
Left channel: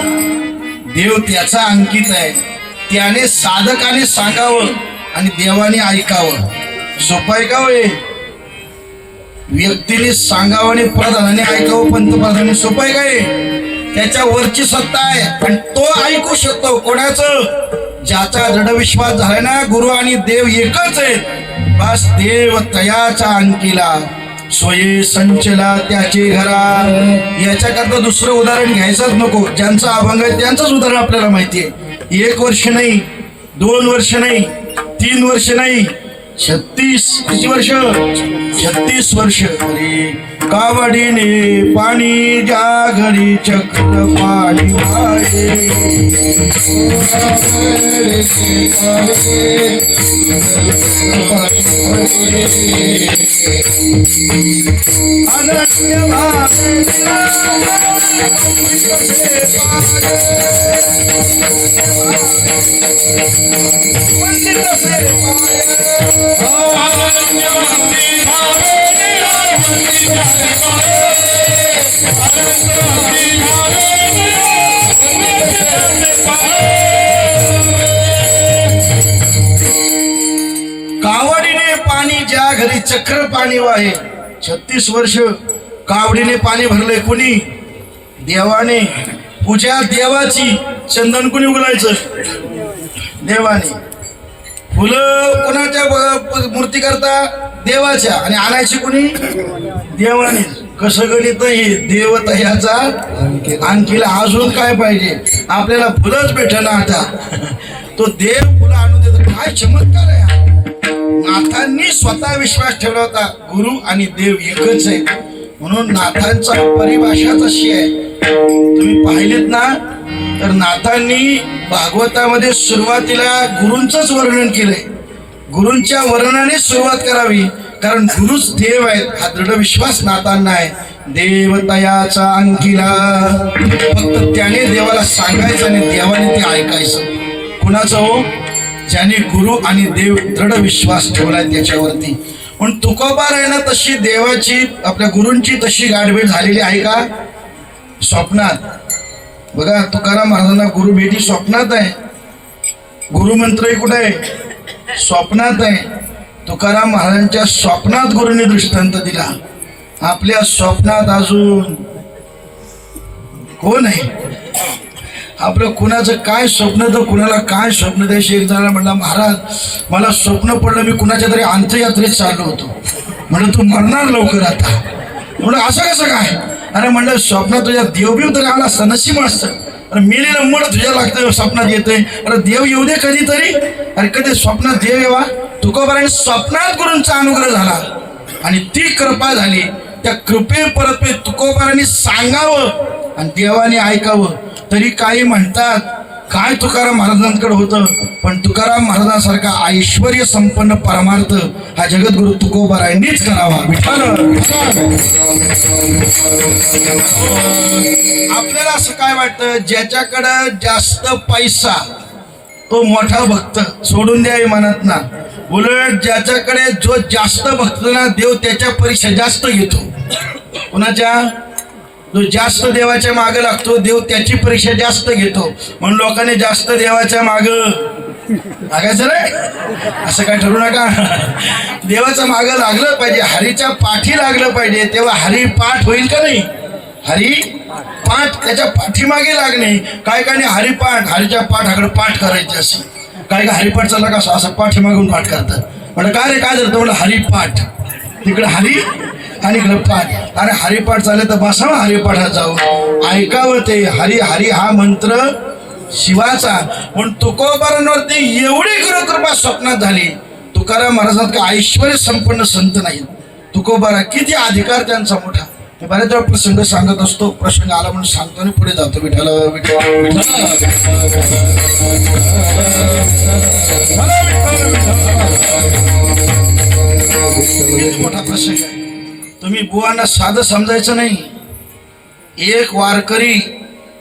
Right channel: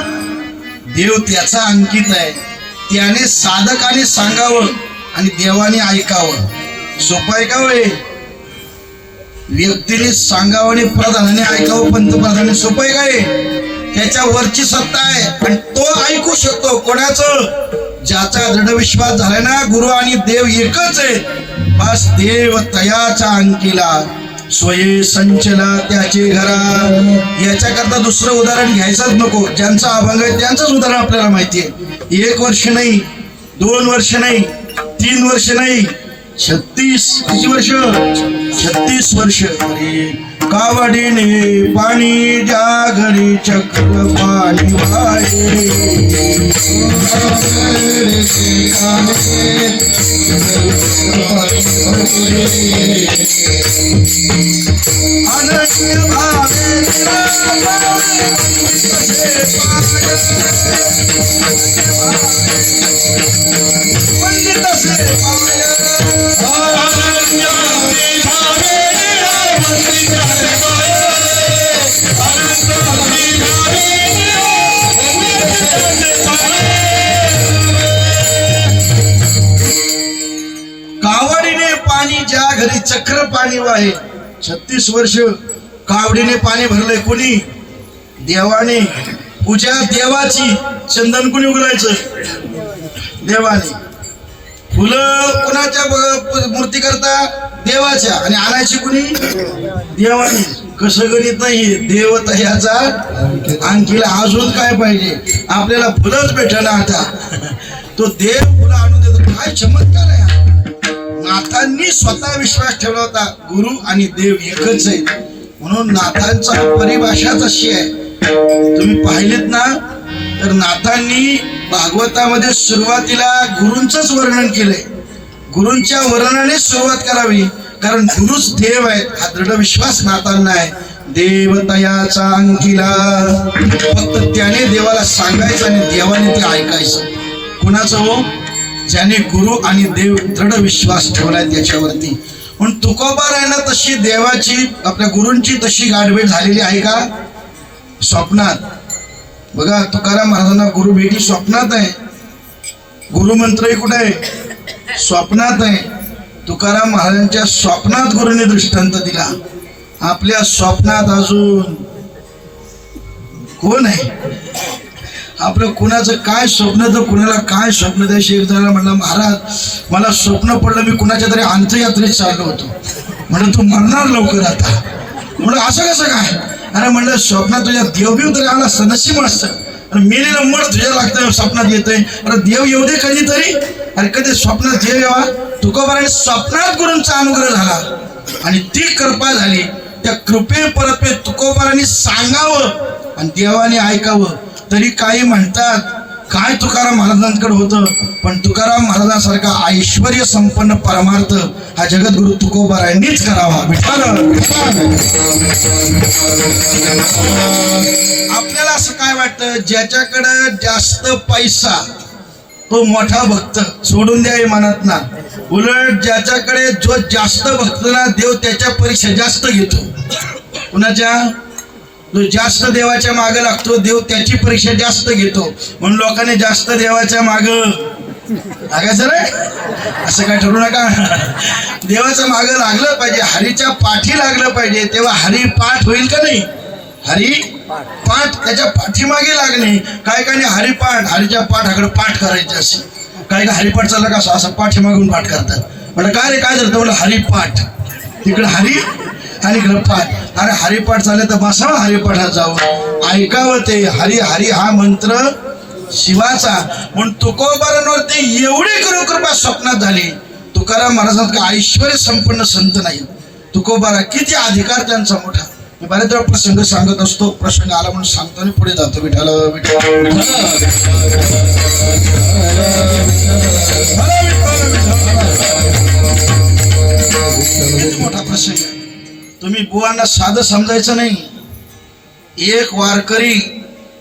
देव त्याचा अंकित आहे. त्याने साधकाने सांगावं आणि देवाने ऐकावं. सोपं आहे का वे? व्यक्तीने सांगावं आणि प्रधानाने ऐकावं, पंतप्रधानाने सोपं आहे काय? त्याच्या वरची सत्ता आहे आणि तो ऐकू शकतो. कोणाचं? ज्याचा दृढ विश्वास झाला ना गुरु आणि देव एकच आहे. बस देव तयाचा अंकिला स्वये संचला त्याचे घरा. याच्याकरता दुसरं उदाहरण घ्यायचंच नको. ज्यांचा अभंग आहे त्यांचंच उदाहरण आपल्याला माहिती आहे. 1 वर्ष नाही, 2 वर्ष नाही, 3 वर्ष नाही, 36 वर्ष, 36 वर्ष. अरे कावडीने पाणी ज्या घरी चक्र पाणी वाहे. अनन्य भावे पंडित से कावडीने पाणी ज्या घरी चक्र पाणी वाहे. 36 वर्ष कावडीने पाणी भरलंय. कोणी? देवाने. पूजा देवाची. चंदन कोणी उघडायचं? देवाने. फुलं कोणाच्या मूर्ती करता? देवाच्या. आणि आणायची कोणी? देवाने. कसं गणित नाही. देवता ह्याचा अंकीला अजून काय पाहिजे? आपल्याला फुलंच भेटना आता. तो देव फुलं आणून देतो. काय चमत्कार आहे. नाथांनी स्वतः विश्वास ठेवला होता गुरु आणि देव एकच आहे म्हणून. नाथांचा परिभाषाच अशी आहे. तुम्ही पाहिलेत ना तर नाथांनी भागवतामध्ये सुरुवातीला गुरूंचंच वर्णन केलंय. गुरूंच्या वर्णनाने सुरुवात करावी कारण गुरुच देव आहे. हा दृढ विश्वास नाथांना आहे. देवतयाचा अंकिला. फक्त त्याने देवाला सांगायचं आणि देवाने ते ऐकायचं. कुणाचं? हो, ज्याने गुरु आणि देव दृढ विश्वास ठेवलाय त्याच्यावरती. पण तुकोबार आहे ना तशी देवाची आपल्या गुरूंची तशी गाठभेट झालेली आहे का? स्वप्नात. बघा तुकाराम महाराजांना गुरु भेटी स्वप्नात आहे. गुरुमंत्रही कुठे आहे? स्वप्नात आहे. तुकाराम महाराजांच्या स्वप्नात गुरुने दृष्टांत दिला. आपल्या स्वप्नात अजून कोण आहे? आपलं कुणाचं काय स्वप्न तर कुणाला काय स्वप्न द्यायचे. एक जणाला म्हणला महाराज मला स्वप्न पडलं मी कुणाच्या तरी अंत्ययात्रेत चाललो होतो. म्हणलं तू मरणार लवकर आता. म्हणलं असं कसं काय? अरे म्हणलं स्वप्नात तुझ्या देवबीव तरी आला असतं नशीब असतं. अरे मेलेलं मड तुझ्या लागतं स्वप्नात येतंय. अरे देव येऊ दे कधीतरी. अरे कधी स्वप्नात देव येवा. तुकोबाराने स्वप्नात गुरूंचा अनुग्रह झाला आणि ती कृपा झाली. त्या कृपे परत तुकोबाराने सांगावं आणि देवाने ऐकावं. तरी काही म्हणतात काय तुकाराम महाराजांकडे होतं. पण तुकाराम महाराजांसारखा ऐश्वर्य संपन्न परमार्थ हा जगद्गुरु तुकोबारायांनीच करावा. आपल्याला असं काय वाटतं ज्याच्याकडे जास्त पैसा तो मोठा भक्त सोडून द्या मनात ना. उलट ज्याच्याकडे जो जास्त भक्त ना देव त्याच्या परीक्षा जास्त घेतो. कुणाच्या? जो जास्त देवाच्या मागे लागतो देव त्याची परीक्षा जास्त घेतो. म्हणून लोकांनी जास्त देवाच्या मागे लागायचं रे. असं काय ठरू नका. देवाच्या मागे लागलं पाहिजे. हरीच्या पाठी लागलं पाहिजे तेव्हा हरी पाठ होईल का नाही? हरी पाठ त्याच्या पाठीमागे लागणे. काय काय नाही हरिपाठ हरीच्या पाठाकडे पाठ करायचे असे. काय काय हरिपाठ चालला का असं पाठीमागून पाठ करतात. म्हटलं काय रे काय झालं? म्हणलं हरिपाठ. तिकडे हरी आणि इकडे पाठ. अरे हरिपाठ चालले तर बसावं हरिपाठात जावं ऐकावं ते. हरी हरी हा मंत्र शिवाचा. म्हणून तुकोबारांवरती एवढी कृपा स्वप्नात झाली. तुकाराम महाराजांचा ऐश्वर्य संपन्न संत नाही. तुकोबारा किती अधिकार त्यांचा मोठा. बऱ्याच वेळा प्रसंग सांगत असतो. प्रसंग आला म्हणून सांगतो आणि पुढे जातो. विठाला विठाला प्रसंग आहे. तुम्ही बुवांना साधं समजायचं नाही. एक वारकरी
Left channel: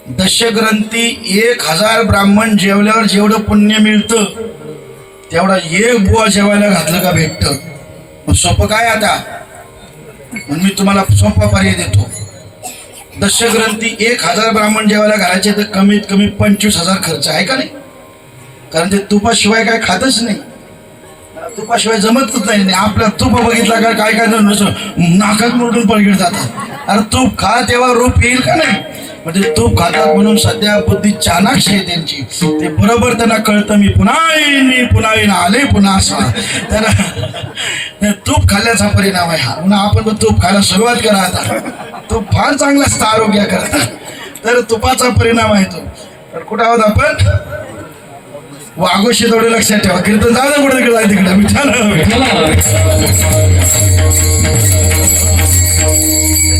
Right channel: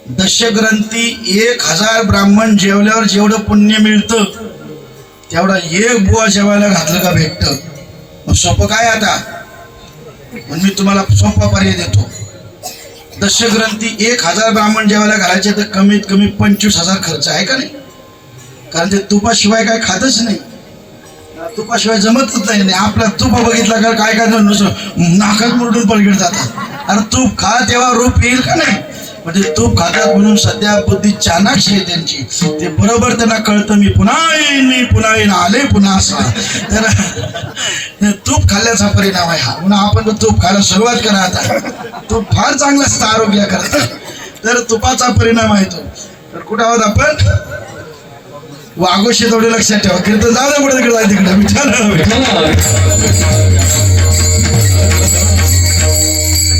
दशग्रंथी 1000 ब्राह्मण जेवल्यावर जेवढं पुण्य मिळतं तेवढा एक बुवा जेवायला घातलं का भेटतं. मग सोपं काय आता, म्हणून मी तुम्हाला सोपा पर्याय देतो. दशग्रंथी 1000 ब्राह्मण जेवायला घालायचे तर कमीत कमी 25,000 खर्च आहे का नाही. कारण ते तुपाशिवाय काय खातच नाही, तुपाशिवाय जमतच नाही. आपला तूप बघितला का काय काय नाकात मोडून पडगड जातात. अरे तूप खा तेव्हा रूप येईल का नाही. म्हणजे तूप खातात म्हणून सध्या बुद्धी चाणाक्ष आहे त्यांची. ते बरोबर त्यांना कळतं मी पुन्हा येईन आले पुन्हा असा. तर तूप खाल्ल्याचा परिणाम आहे हा. पुन्हा आपण तो तूप खायला सुरुवात करा आता. तूप फार चांगला असतं आरोग्याकरता. तर तुपाचा परिणाम आहे तो. तर कुठं आहोत आपण, वाघोशी तेवढे लक्षात ठेवा. कीर्तन जाऊ दे कुठे तिकडे तिकडे.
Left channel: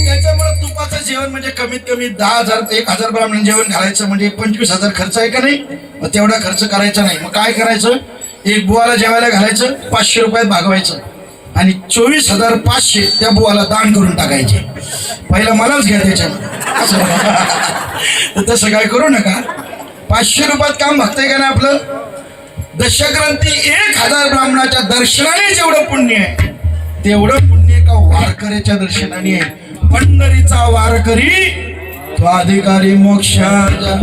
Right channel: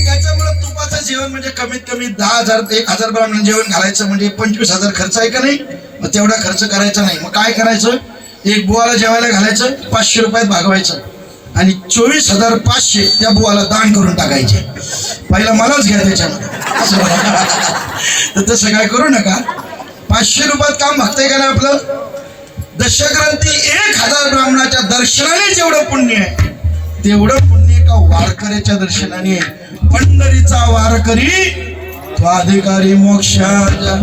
त्याच्यामुळे तुपाचं जेवण म्हणजे कमीत कमी 10,000 ब्राह्मण जेवण घालायचं म्हणजे 25,000 खर्च आहे का नाही. मग तेवढा खर्च करायचा नाही. मग काय करायचं, एक बुवाला जेवायला घालायचं, 500 रुपयात भागवायचं आणि 24,500 त्या बुवाला दान करून टाकायचे. पहिला मलाच घ्या त्याच्यामध्ये तर तसं काय करू नका. 500 रुपयात काम भागतंय का नाही आपलं. दशग्रंथी 1000 ब्राह्मणाच्या दर्शनाने जेवढं पुण्य आहे तेवढं पुण्य का वारकऱ्याच्या दर्शनाने आहे. पंढरीचा वारकरी तो अधिकारी मोक्षाचा.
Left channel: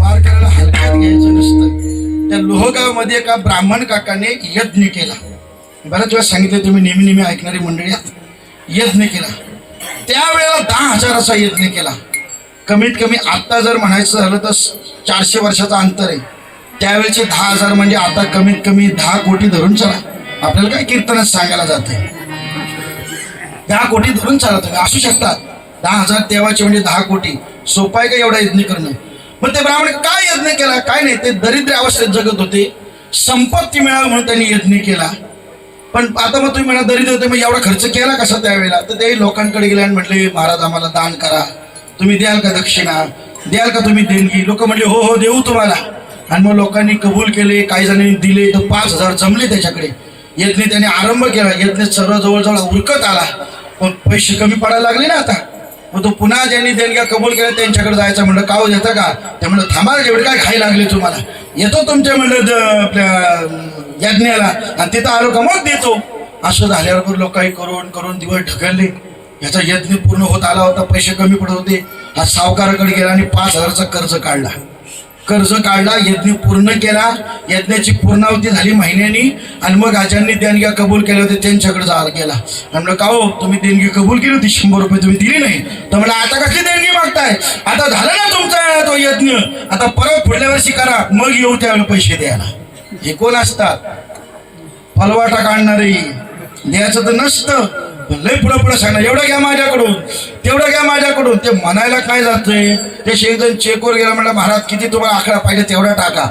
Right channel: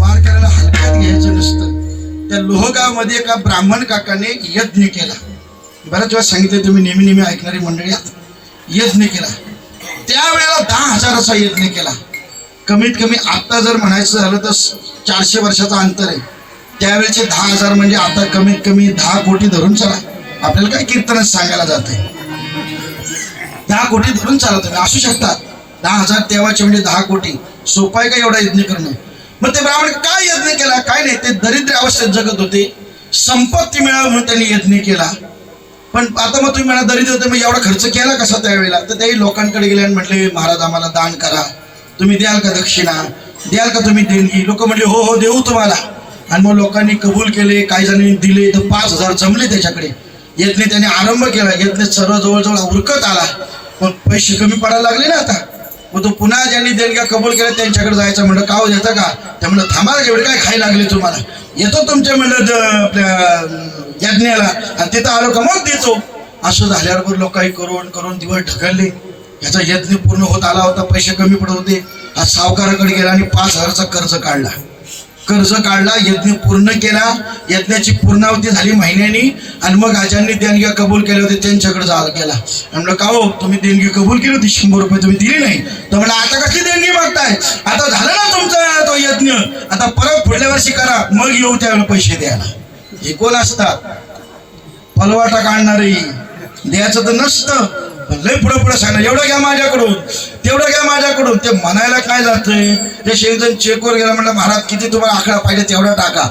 वारकऱ्याला हलक्यात घ्यायचं नसतं. त्या लोहगाव मध्ये एका ब्राह्मण काकाने यज्ञ केला. बऱ्याच वेळा सांगितलं, तुम्ही नेहमी ऐकणारी मंडळी यज्ञ केला. त्यावेळेला 10,000चा यज्ञ केला. कमीत कमी आता जर म्हणायचं झालं तर 400 वर्षाचा अंतर आहे. त्यावेळेचे 10,000 म्हणजे आता कमीत कमी 10 कोटी धरून चला. आपल्याला काय कीर्तनच सांगायला जाते. 10 कोटी धरून चला तुम्ही असू शकतात. 10,000 तेव्हाचे म्हणजे 10 कोटी. सोपं आहे का एवढा यज्ञ करणं. मग ते ब्राह्मण काय यज्ञ केला काय नाही. ते दरिद्र अवस्थेत जगत होते. संपत्ती मिळावी म्हणून त्यांनी यज्ञ केला. पण आता मग तुम्ही म्हणा दरिद्र होते, मग एवढा खर्च केला कसा त्यावेळेला. तर त्याही लोकांकडे गेले आणि म्हटले, महाराज आम्हाला दान करा, तुम्ही द्याल का दक्षिणा, द्याल का तुम्ही देणगी. लोक म्हणले हो देऊ तुम्हाला. आणि मग लोकांनी कबूल केले, काही जणांनी दिले. तर 5,000 जमले त्याच्याकडे. यज्ञ त्याने आरंभ केला. यज्ञ सर्व जवळजवळ उरकत आला. पण पैसे कमी पडायला लागले ना आता. मग तो पुन्हा ज्यांनी देणग्या कबूल केल्या त्यांच्याकडे जायचं. म्हणलं का हो येतं का. त्या म्हणलं थांबा जेवढे काय खाई लागले तुम्हाला, येतो तुमच्या म्हणलं आपल्या यज्ञाला आणि तिथं आलो का मग देतो. असं झाल्यावर लोक काही करून दिवस ढकलले. याचा यज्ञ पूर्ण होत आला होता, पैसे कमी पडत होते. हा सावकाराकडे गेला आणि 5,000चा कर्ज काढला. यज्ञ पूर्ण केला. यज्ञाची पूर्णावती झाली महिन्यानी. आणि मग आचार्यांनी देणग्या कबूल केल्या होते त्यांच्याकडे गेला. म्हणलं का हो तुम्ही देणगी कबूल केली होती 100 रुपये तुम्ही दिली नाही. तर म्हणलं आता कसली देणगी मागताय, आता झालं ना तुमचा तो यज्ञ, आता परत पुढल्या वर्षी करा मग येऊ त्यावेळेला पैसे द्यायला. हे कोण असतात, फलवाटा काढणारे. द्यायचं तर नसतं, लय पुढे सांगणार एवढं घ्या माझ्याकडून तेवढं घ्या माझ्याकडून. ते म्हणायला काय जातंय. ते एक जण चेकवर गेला, म्हटलं महाराज किती तुम्हाला आकडा पाहिजे तेवढा टाका,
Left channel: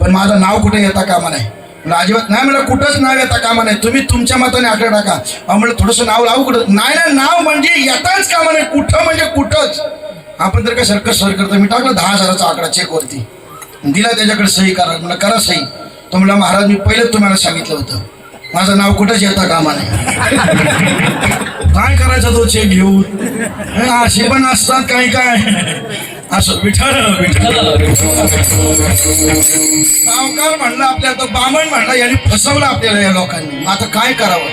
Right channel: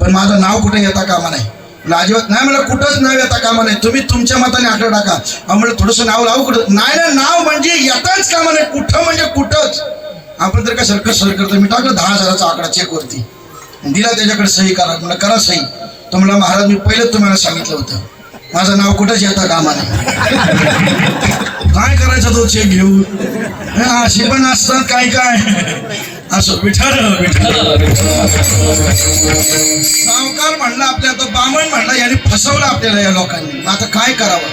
पण माझं नाव कुठे येता कामा नाही. म्हणलं अजिबात नाही. म्हणलं कुठंच नाव येता कामा नाही, तुम्ही तुमच्या मताने आकडा टाका. म्हणलं थोडंसं नाव लावू कुठं नाही ना. नाव म्हणजे येताच कामा नाही, कुठं म्हणजे कुठंच. आपण तर काय सरकस करतो. मी टाकलं 10,000चा आकडा चेकवरती, दिला त्याच्याकडे सही करा. म्हणलं करा सही. तो म्हणला महाराज मी पहिलेच तुम्हाला सांगितलं होतं माझं नाव कुठंच येता कामा नाही. काय करायचं तो चेक घेऊन. असे पण असतात काय असं. विठाळ सावकार म्हणला आपल्या, तो बामण म्हणला यांनी फसवलं आपल्याला या लोकांनी. आता काय करावं.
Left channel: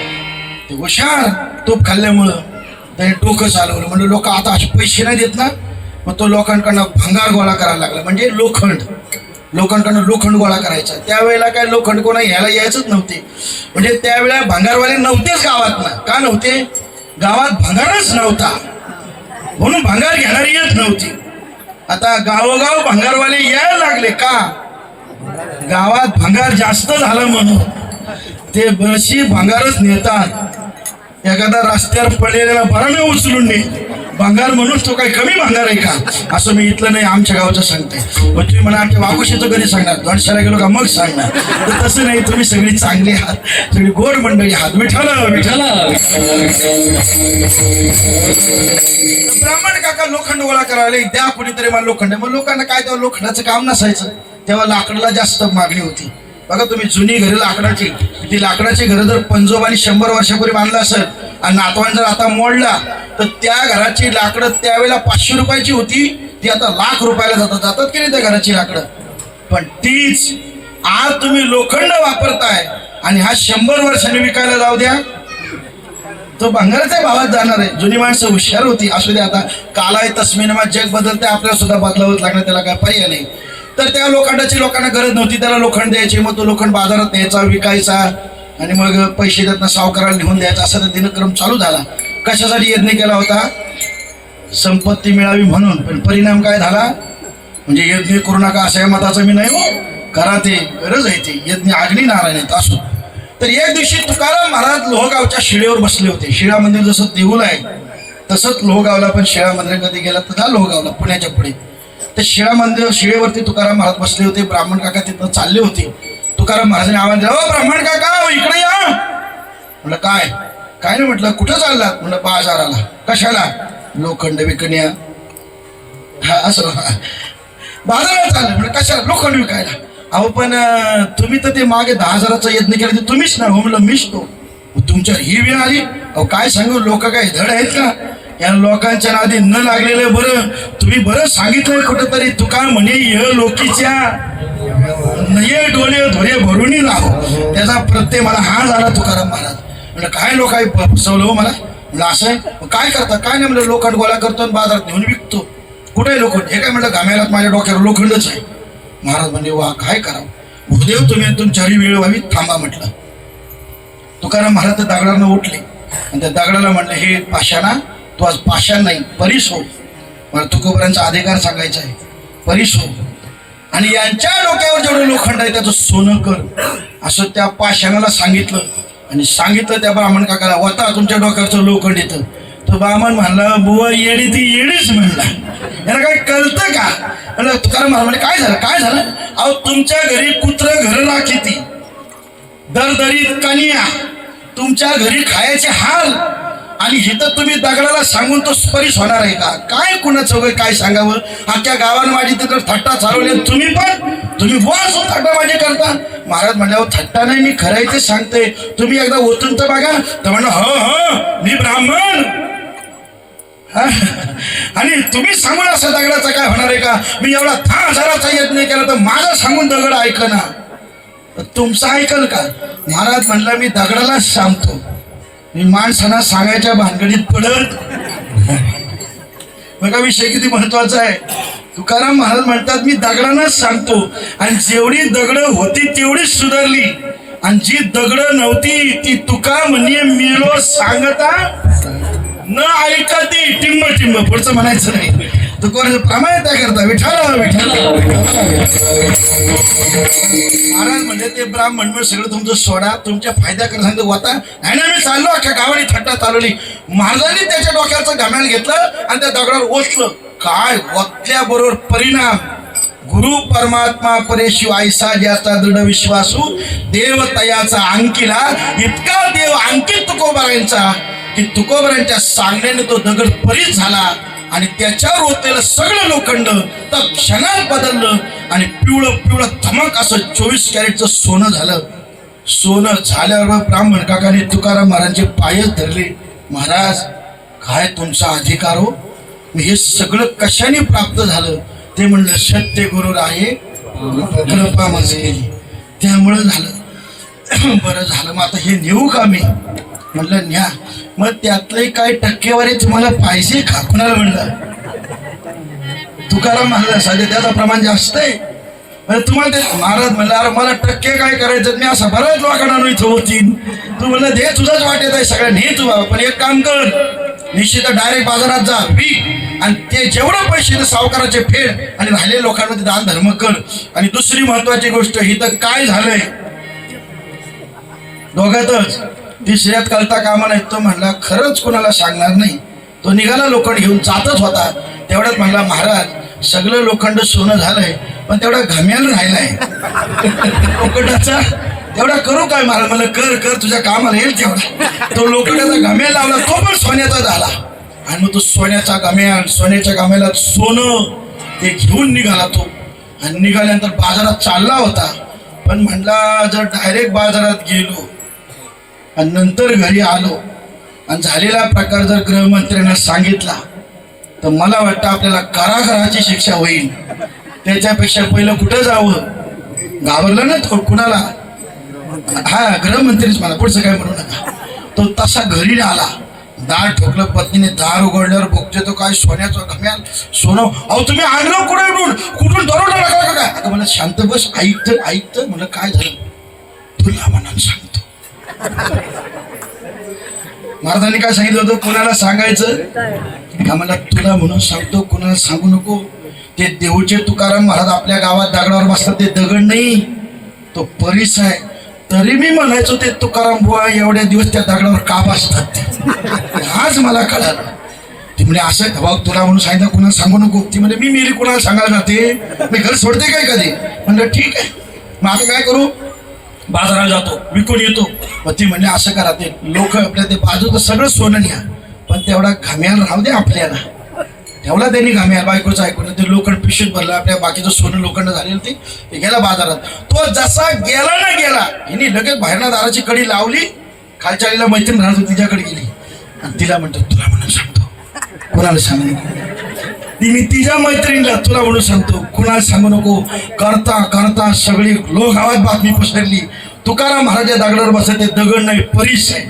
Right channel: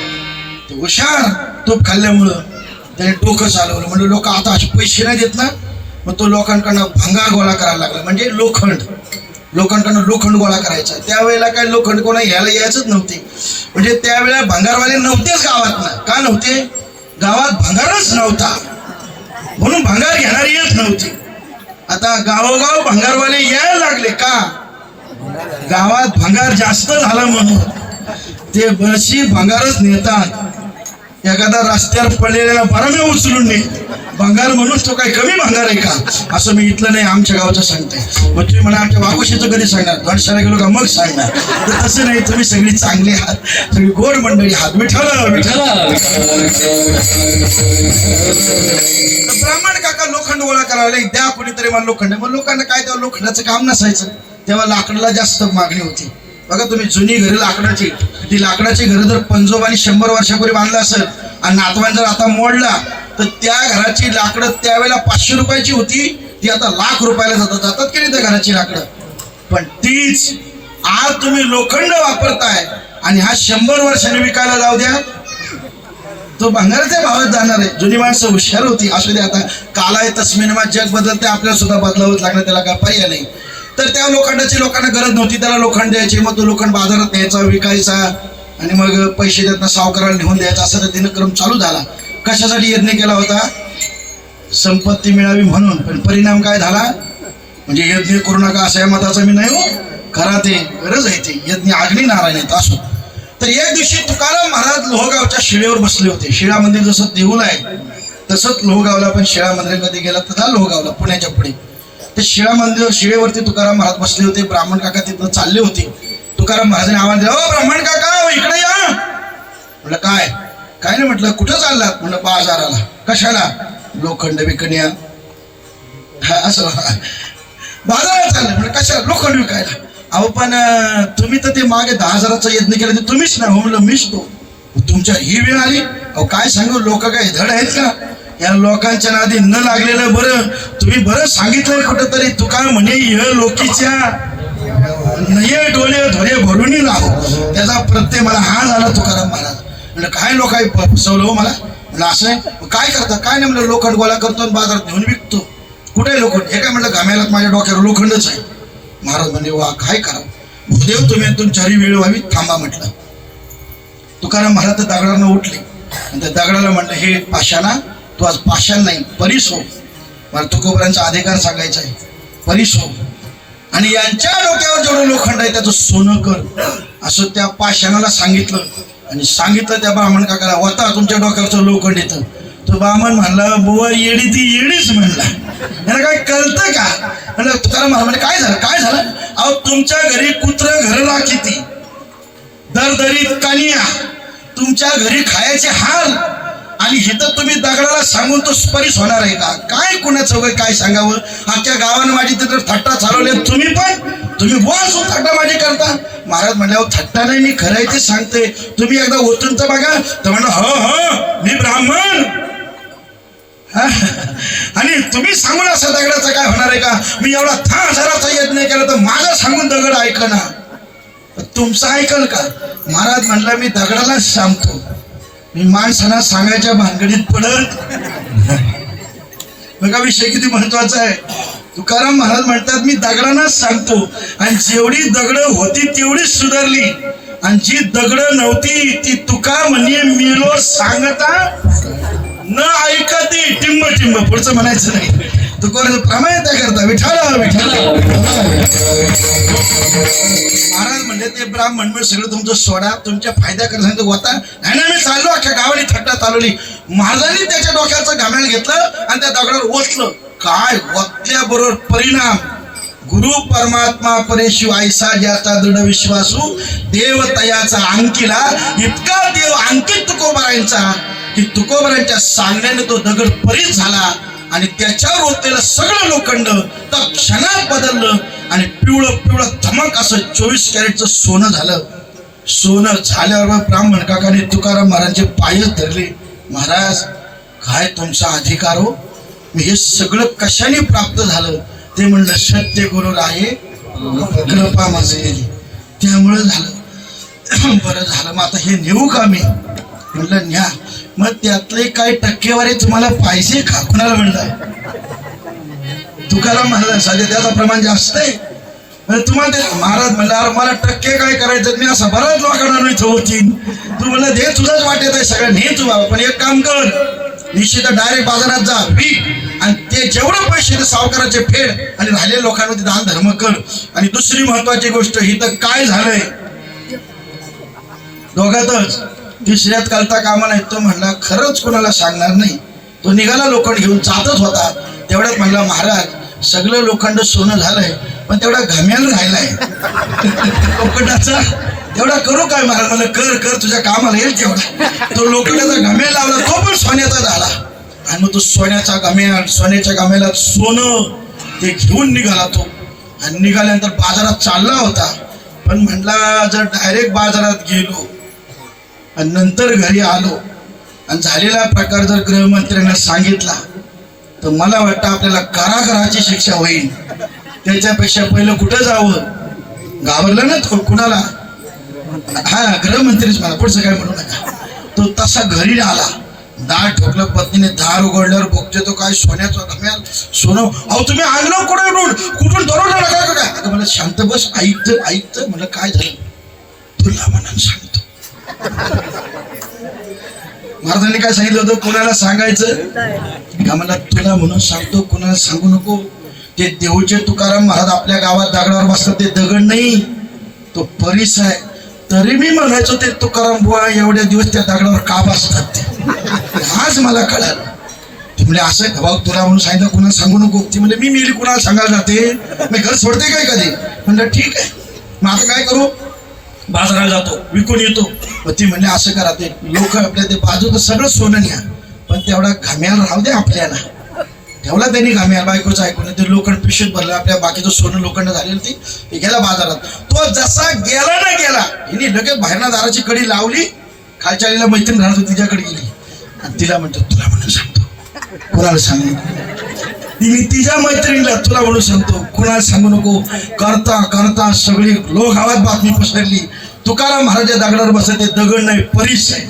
ते हुशार तूप खाल्ल्यामुळं त्याने डोकं चालवलं. म्हणजे लोक आता असे पैसे नाही देत ना. मग तो लोकांकडनं भंगार गोळा करायला लागला. म्हणजे लोकांकडनं लोखंड गोळा करायचा. त्यावेळेला काय लोखंड कोणा यायला यायचंच नव्हते. म्हणजे त्यावेळेला भंगारवाले नव्हतेच गावात ना. का नव्हते, गावात भंगारच नव्हता म्हणून भंगार घेणारी येत नव्हती. आता गावोगाव भंगारवाले यायला लागले. का, गावात भंगार जास्त झालं म्हणून. ते बशी भंगारच नेतात. एखादा रस्त्यावर पडलेला बरा मी उचलून नाही भंगार म्हणून तो काही कमी भंगार आहे का असं मी इथलं नाही आमच्या गावचं सांगते. मग तुम्ही मला आमच्या वाघोशीचं कधी सांगणार, धडशाला गेलो का मग सांगणार. तर तसं नाही, तुम्ही सगळी चांगली आहात, सगळी गोड मंडळी आहात. विठाला ब्राह्मण काका लोखंड गोळा करायला द्या कुणीतरी मला लोखंड. मग लोकांना काय तेव्हा लोखंडाचं काम नसायचं. तेव्हा लाकडाला जास्त मागणी होती. बघा तुम्ही जुनी घरं लाकडाची, ती लाकडाची घरं जर पंजोबानी 100 वर्षापूर्वी बांधलं असेल आणि नातवान जर आता मोडला तर त्या घराची लाकडं त्यावेळेला 500 रुपयाची होती, ती आता लाख रुपयाला जातात की नाही त्या घराची लाकडं. पण तीच आज तुम्ही लोखंड वापरताय आणि हा 100 वर्षांनी विकायला जाऊ द्या, तो भंगाराच्या भावात जाणार आहे. जुनी माणसं हुशार होती. असू दे, आता कालाय तस्मिनमा जग बदलते, आपल्याला सुद्धा बदलावंच लागणार, त्याला काय पर्याय नाही. तर त्या लोखंडाची लोकांना गरज नव्हती, त्याला लोखंड द्यायचे, मग तो लोखंड बाजारात न्यायचा, विकायचा आणि मग पैसे देताना सावकाराला घेऊन द्यायचा, असा तर दिनक्रम चालू झाला. कशासाठी यज्ञ केला होता? संपत्ती मिळावी म्हणून. पण परिणाम काय झाला? म्हणजे यज्ञ करू नका असं मताचं मी नाही हो, करा, ते गरज आहे, ते यज्ञ अग्नी नारायण आहेत असो. तर एक दिवशी तुकाराम महाराज लोहगावच्या शिळेवर बसले होते. शिळा मंदिर जसं देऊळ आहे तसंच लोहगावला पण शिळा मंदिर कधी गेला तर लोहगावला पुण्याच्या पुढे ते शिळा मंदिर, शिळेवरती तुकाराम महाराज बसले होते. ब्राह्मण काका तिथनं चालले होते. तुकाराम महाराजांनी आवाज दिला, ओ ब्राह्मण काका इकडे या. म्हटलं काय? काय नाही. म्हटलं कुठं चाललात? म्हणलं बाजाराला. कशाला? लोखंड विकण्या. असं बाजाराला चाललं. म्हणजे कशाला? लोखंड विकायला. अहो पण तुम्ही तर ते मागे 10,000चा यज्ञ केला ते तुम्हीच ना. हो म्हणलं मीच तो. तुमच्या ही वेळ आली? अहो काय सांगू, लोक काय धड आहेत का? या लोकांच्या नादी न लागलेलं बरं. तुम्ही बरं सांगितलंय कुठंतरी, तुका म्हणे य लोकीच्या नये डोले धोरे भरून राहो. त्याचा प्रत्यय मला हा झाला तुकाराम महाराज. म्हणजे काय लोक फसवलं हो मला. म्हणजे असं आहे, काय करता? काय नाही म्हणलं, लोखंड गोळा करतो आणि बाजारात घेऊन विकतो. कुठे लोखंड? हे काय म्हणलं, घामेलात माझ्या डोक्यावर लोखंडच आहे. महाराज म्हणजे वा, काय करावं भूदेव, तुम्ही तुमच्याही वेळ व्हावी, थांबा म्हटलं. तुकाराम महाराज त्या दगडानं उठले आणि त्या दगडाला म्हटलं, हे पाषाणा, तू आज पाषाण नाही परीस हो. मला तुकोबरांचा अधिकार सांगायचा आहे, परीस हो. आणि यांच्या डोक्यावर जेवढं लोखंड आहे त्याचं सोनं कर, असं त्या पाषाणाला सांगितलं. आणि सांगितलं त्या ब्राह्मण काकाला, होता तुमच्या डोक्यावरचं लोखंड येतं. तो ब्राह्मण म्हणला, बुवा येडी ती येडीच म्हणला, याला काय कळतं का? म्हणलं तुकाराम महाराज म्हणजे काय झालं? काय झालं? अहो तुमच्या घरी कुत्र घर राखीती, दरदरीत कनिया, तुमच्या घरी खायचे हाल, आणि इथं तुम्ही दगडाला सांगून तो स्परिश होणार आहे का? काय कुणाचं वगैरे काय सांगावं? अख्ख्या गावानं माझी तिथं थट्टा चालवली, तुम्ही बॉस थट्टाबाजी करता. महाराज म्हणल्यावर थट्टा नाही, मी खरं ते सांगते. तुम्ही एकदा ओतून तर बघा. तर म्हणलं हो मी ब्राह्मण, आणि तुम्ही सांगून असं दगडाचं काय होणार आहे का? मी एवढा 10,000चा यज्ञ केला तर माझा सांगून दगड ऐकना, तुमचं ऐकल का? महाराज म्हणलं, मी दगडालाच सांगतो, मी माणसांना सांगायच्या भानगडीत पडत. बघा विषय किती महत्वाचा आहे. तुकाराम महाराज म्हणतात, मी दगडांनाच सांगतो, आणि जेवढी दगडं होती तेवढीच सुधारली, आणि जी दगडं नव्हती ती तुका म्हणजे मिळो सांगता न ऐकती टिंब टिंब. पुढचं म्हणायचं नाही. तुकाराम प्रमाणे त्या करता विठाला विठाला. महाराज म्हणजे ते ब्राह्मण म्हणून सगळं तुमचं सोडा, तुमच्या फायद्याकडे सांगतो होता नाही ना. मी चाललो, अख्ख्या गावाने थट्टा चालवली. महाराजांनी त्याच्या डोक्याचं घामेल घेतलं आणि त्या दगडावर ओतलं. काय ओतल्याबरोबर परिणाम? गुरु परमात्मा परेशिव ऐसा ज्याचा दृढ विश्वासू, देव तयाचा अंकिला. इतका देव अंकित तुकोबरांचा की तुकोबरांच्या सांगण्याने तो दगड परीत झाला, आणि त्याच्यावर ओतलेलं सगळं लोखंड तर क्षणात बदललं, आणि पिवळं पिवळं धमक असं 24 कॅरेटचं सोनं झालं. सोनं झाल्यावर ब्राह्मण काकाने तुकाराम महाराजांचे पायच धरले. महाराज काय तुमचा अधिकार हो? हे सगळं कशाने प्राप्त झालं? ते म्हणलं, सत्य गुरु आहे कृपा माझी केली, त्यामुळे झालं. बरं झालं, मग आता हे नेऊ का मी? म्हणलं न्या. मग त्यातले काय टक्केवारी तुम्हाला पाहिजे का? कुणाला म्हणलं? तुकाराम महाराज सांगते त्याचं प्रमाण जास्त आहे. तुम्हाला ते महाराज म्हणलं, अरे मला टक्के काय करायचं नाही, असं बऱ्याच लोकांना नाही होतील. तू म्हणलं दे, तुझंच वाटेत आहे सगळ्या, नाही तू बाबा. पण एक काम कर, निश्चित डायरेक्ट बाजारात जा, विक, आणि ते जेवढे पैसे ते सावकाराचे फेड, आणि राहिलेल्या लोकांमध्ये दान धर्म कर. आणि दुसरी महत्वाची गोष्ट, ही तर काय झालंय दोघातच, तिसऱ्यात कळता कामा नाही. तो म्हणला खरंच कोणाला सांगणार नाही. तो निघाला लोखंड घेऊन, जातच होता तेवढ्यात म्हणला, महाराज सगळं लोखंड सोनं झालंय, पण तेवढा घाम्याला राहिलाय लोखंडाचा, तेवढा करू काय? महाराज मला कर कर, तुझ्या कामाला येईल तेवढा. तो लोखंडाचा घाम्या लावला, तो पण सोन्याचा झाला. आणि मग तो सोन्याचा घाम्या, सोन्याच्या घाम्याला सोनं ते घेऊन निघाला तो. आणि निघाल्यानंतर बाजारात चालला होता. पण म्हणला, जर डायरेक्ट बाजारात गेलो आणि नंतर घरी आलो आणि झालेला प्रकार जर गृहमंत्र्यांना सांगितला तर मला वाटतं आपल्याला कारागृहाची शिक्षा होईल. त्याच्यापेक्षा पहिलं कुठं जावं, घाबरलं ना तो कुणाला, हा गृहमंत्रीच मला, पुढचं काय म्हणू नका. तो तसा घरी आला, दार ठोकलं, पत्नीने दार उघडल्यावर बघते तो काय सोन्याचं घम्याल, सोनं. अहो तुम्ही आणलं कुठून दरोडा नका काय. अगं मला शांत बस, ऐकतं मला काय झालं तुला म्हणून सांगतो. महाराजांनी काय सांगितलं होतं, कोणाला सांगायचं का, मला तुला म्हणून सांगतो, कोणाला सांगू नको. ते देऊचे तुकाराम महाराज आपल्या गावात दगडावर बसतात, ते दगड नाही तो परीस आहे. तरी मी म्हणायचो ते तुकाराम बुवा एवढ्या दिवस त्या दगडावर का बसतात ते, आज मला कळालं. ती म्हणजे असं भाऊ तुला म्हणून सांगितलं, कुणाला सांगू नको. ती म्हणजे मी मेली कुणाला सांगायला जाते, मी घर सोडते काय कधी. म्हणलं ठीक आहे, मग आता काय करू, बाजाराला जातो, विकून येतो. मग ती म्हणजे असं करा, ते लोक आपल्या ते बाजूचं सगळं सोनं न्या, पण तेवढा घाम्याला राहू दे आपल्याला. ठेवला त्यांनी घाम्याला, बायकोचं ऐकून ते लोखंड पिशवीत भरलं, आपल्या बाकीचं सोनं लोखंड झालेलं ते गेला बाजारात. तो जसा गेला ना गेला, हिने लगेच बाहेरना दाराची कडी लावली, खालच्या आलीला मैत्रीण राहत होती तिच्याकडे गेली आणि तिला म्हणतो तुला म्हणून सांगतो, कोणाला सांगू नको. तिने तिच्या मैत्रिणीला तुला म्हणून सांगतो, कुणाला सांगू नको. करता करता सगळी लोक गावात बातमी पसरली, तुकाराम महाराज दगडावर बसत, दगड नाही परीस आहे.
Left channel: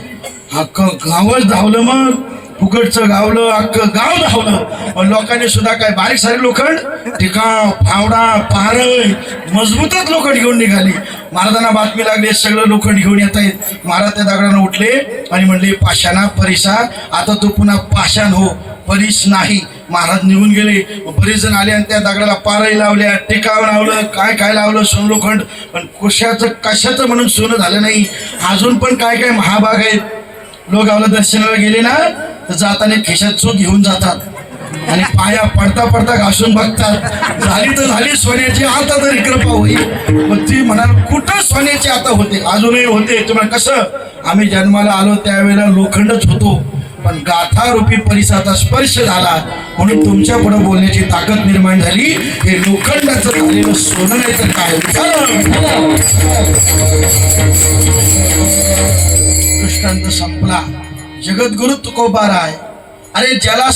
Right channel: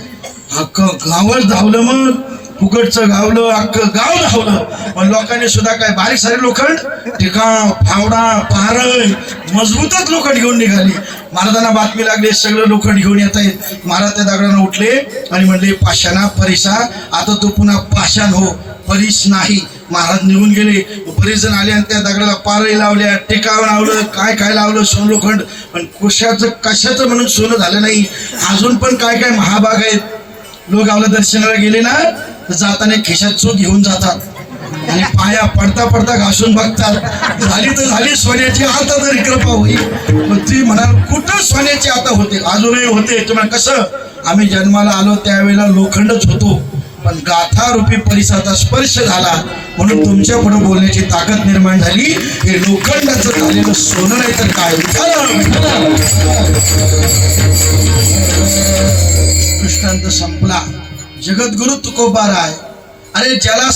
अख्खं गावच धावलं, मग फुकटचं गावलं, अख्खं गाव धावलं. पण लोकांनी सुद्धा काय बारीक सारे लोखंड, टिकाव, फावडा, पारळ, मजबूतच लोखंड घेऊन निघाली. महाराजांना बातमी लागली, सगळं लोखंड घेऊन येत आहेत. महाराज त्या दगडानं उठले आणि म्हणले पाषाणा परीसा, आता तू पुन्हा पाषाण हो, परीस नाही. महाराज निघून गेले. बरेच जण आले आणि त्या दगडाला पारळी लावल्या, टिकाव लावलं, काय काय लावलं, सोन लोखंड. पण कशाचं म्हणून सोनं झालं नाही. अजून पण काय काय महाभाग आहेत. लोक गावला दर्शनाला गेले ना तर जाताना खिशात चूक घेऊन जातात आणि पाया पडता पडता घासून बघतात. झाली तर झाली सोन्याची, आता तरी कृपा होईल. मग ती म्हणाल कुठं सोन्याची आता होते, अजूनही होते. तुम्हाला कसं, आम्ही जन्माला आलो त्यावेळेला लोखंडच होतो, पण गाथा रूपी परिसराचा स्पर्श झाला म्हणून तुमच्या पुढे बोलण्याची ताकद निर्माण झाली. हे लोखंडाचं झालेलं सोनं नाही तर काय. दृष्टांत संपला. जगद्गुरु तुकोबाराय, अरे ज्याला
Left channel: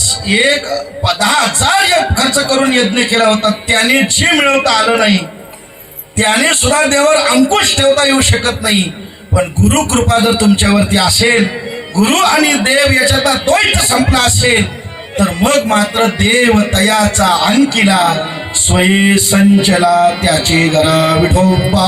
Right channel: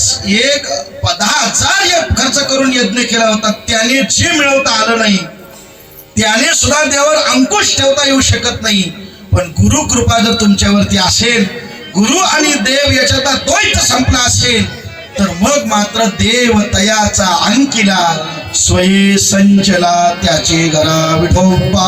10,000 खर्च करून यज्ञ केला होता, त्याने जे मिळवता आलं नाही, त्याने सुद्धा देवावर अंकुश ठेवता येऊ शकत नाही. पण गुरु कृपा जर तुमच्यावरती असेल, गुरु आणि देव याच्यात द्वैत संपला असेल, तर मग मात्र देव तयाचा अंकिला, स्वये संचला त्याचे घरा विठोबा.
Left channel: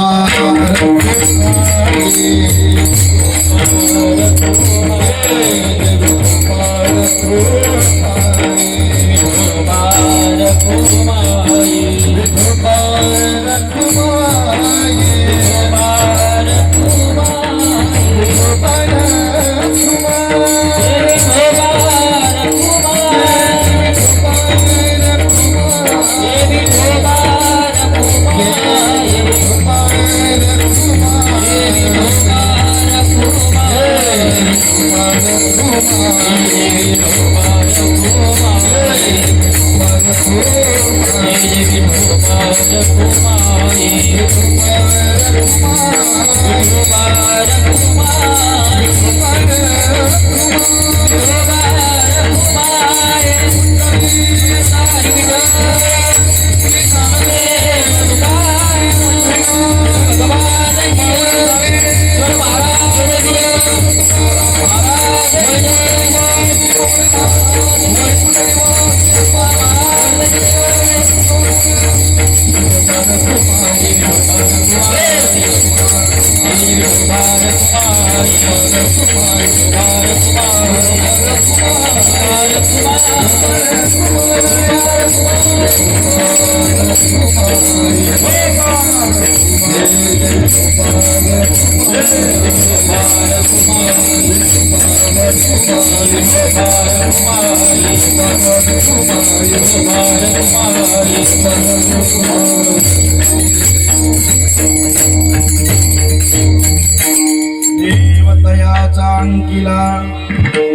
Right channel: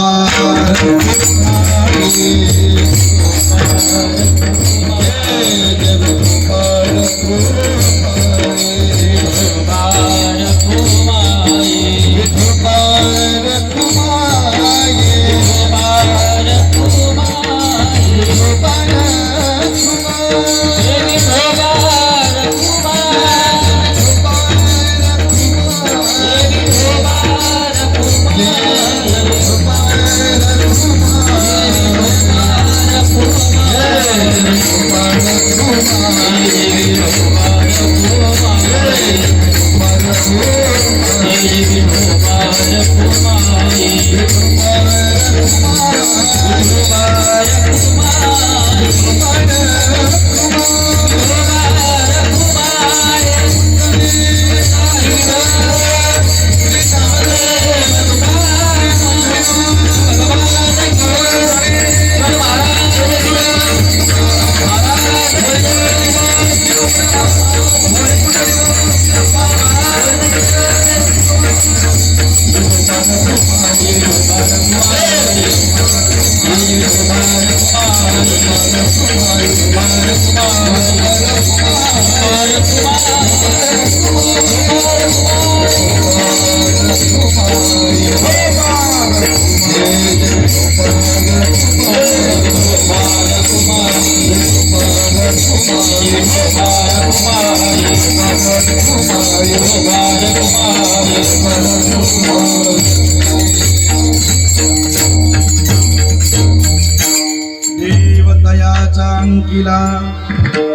देवतयाचा अंकिला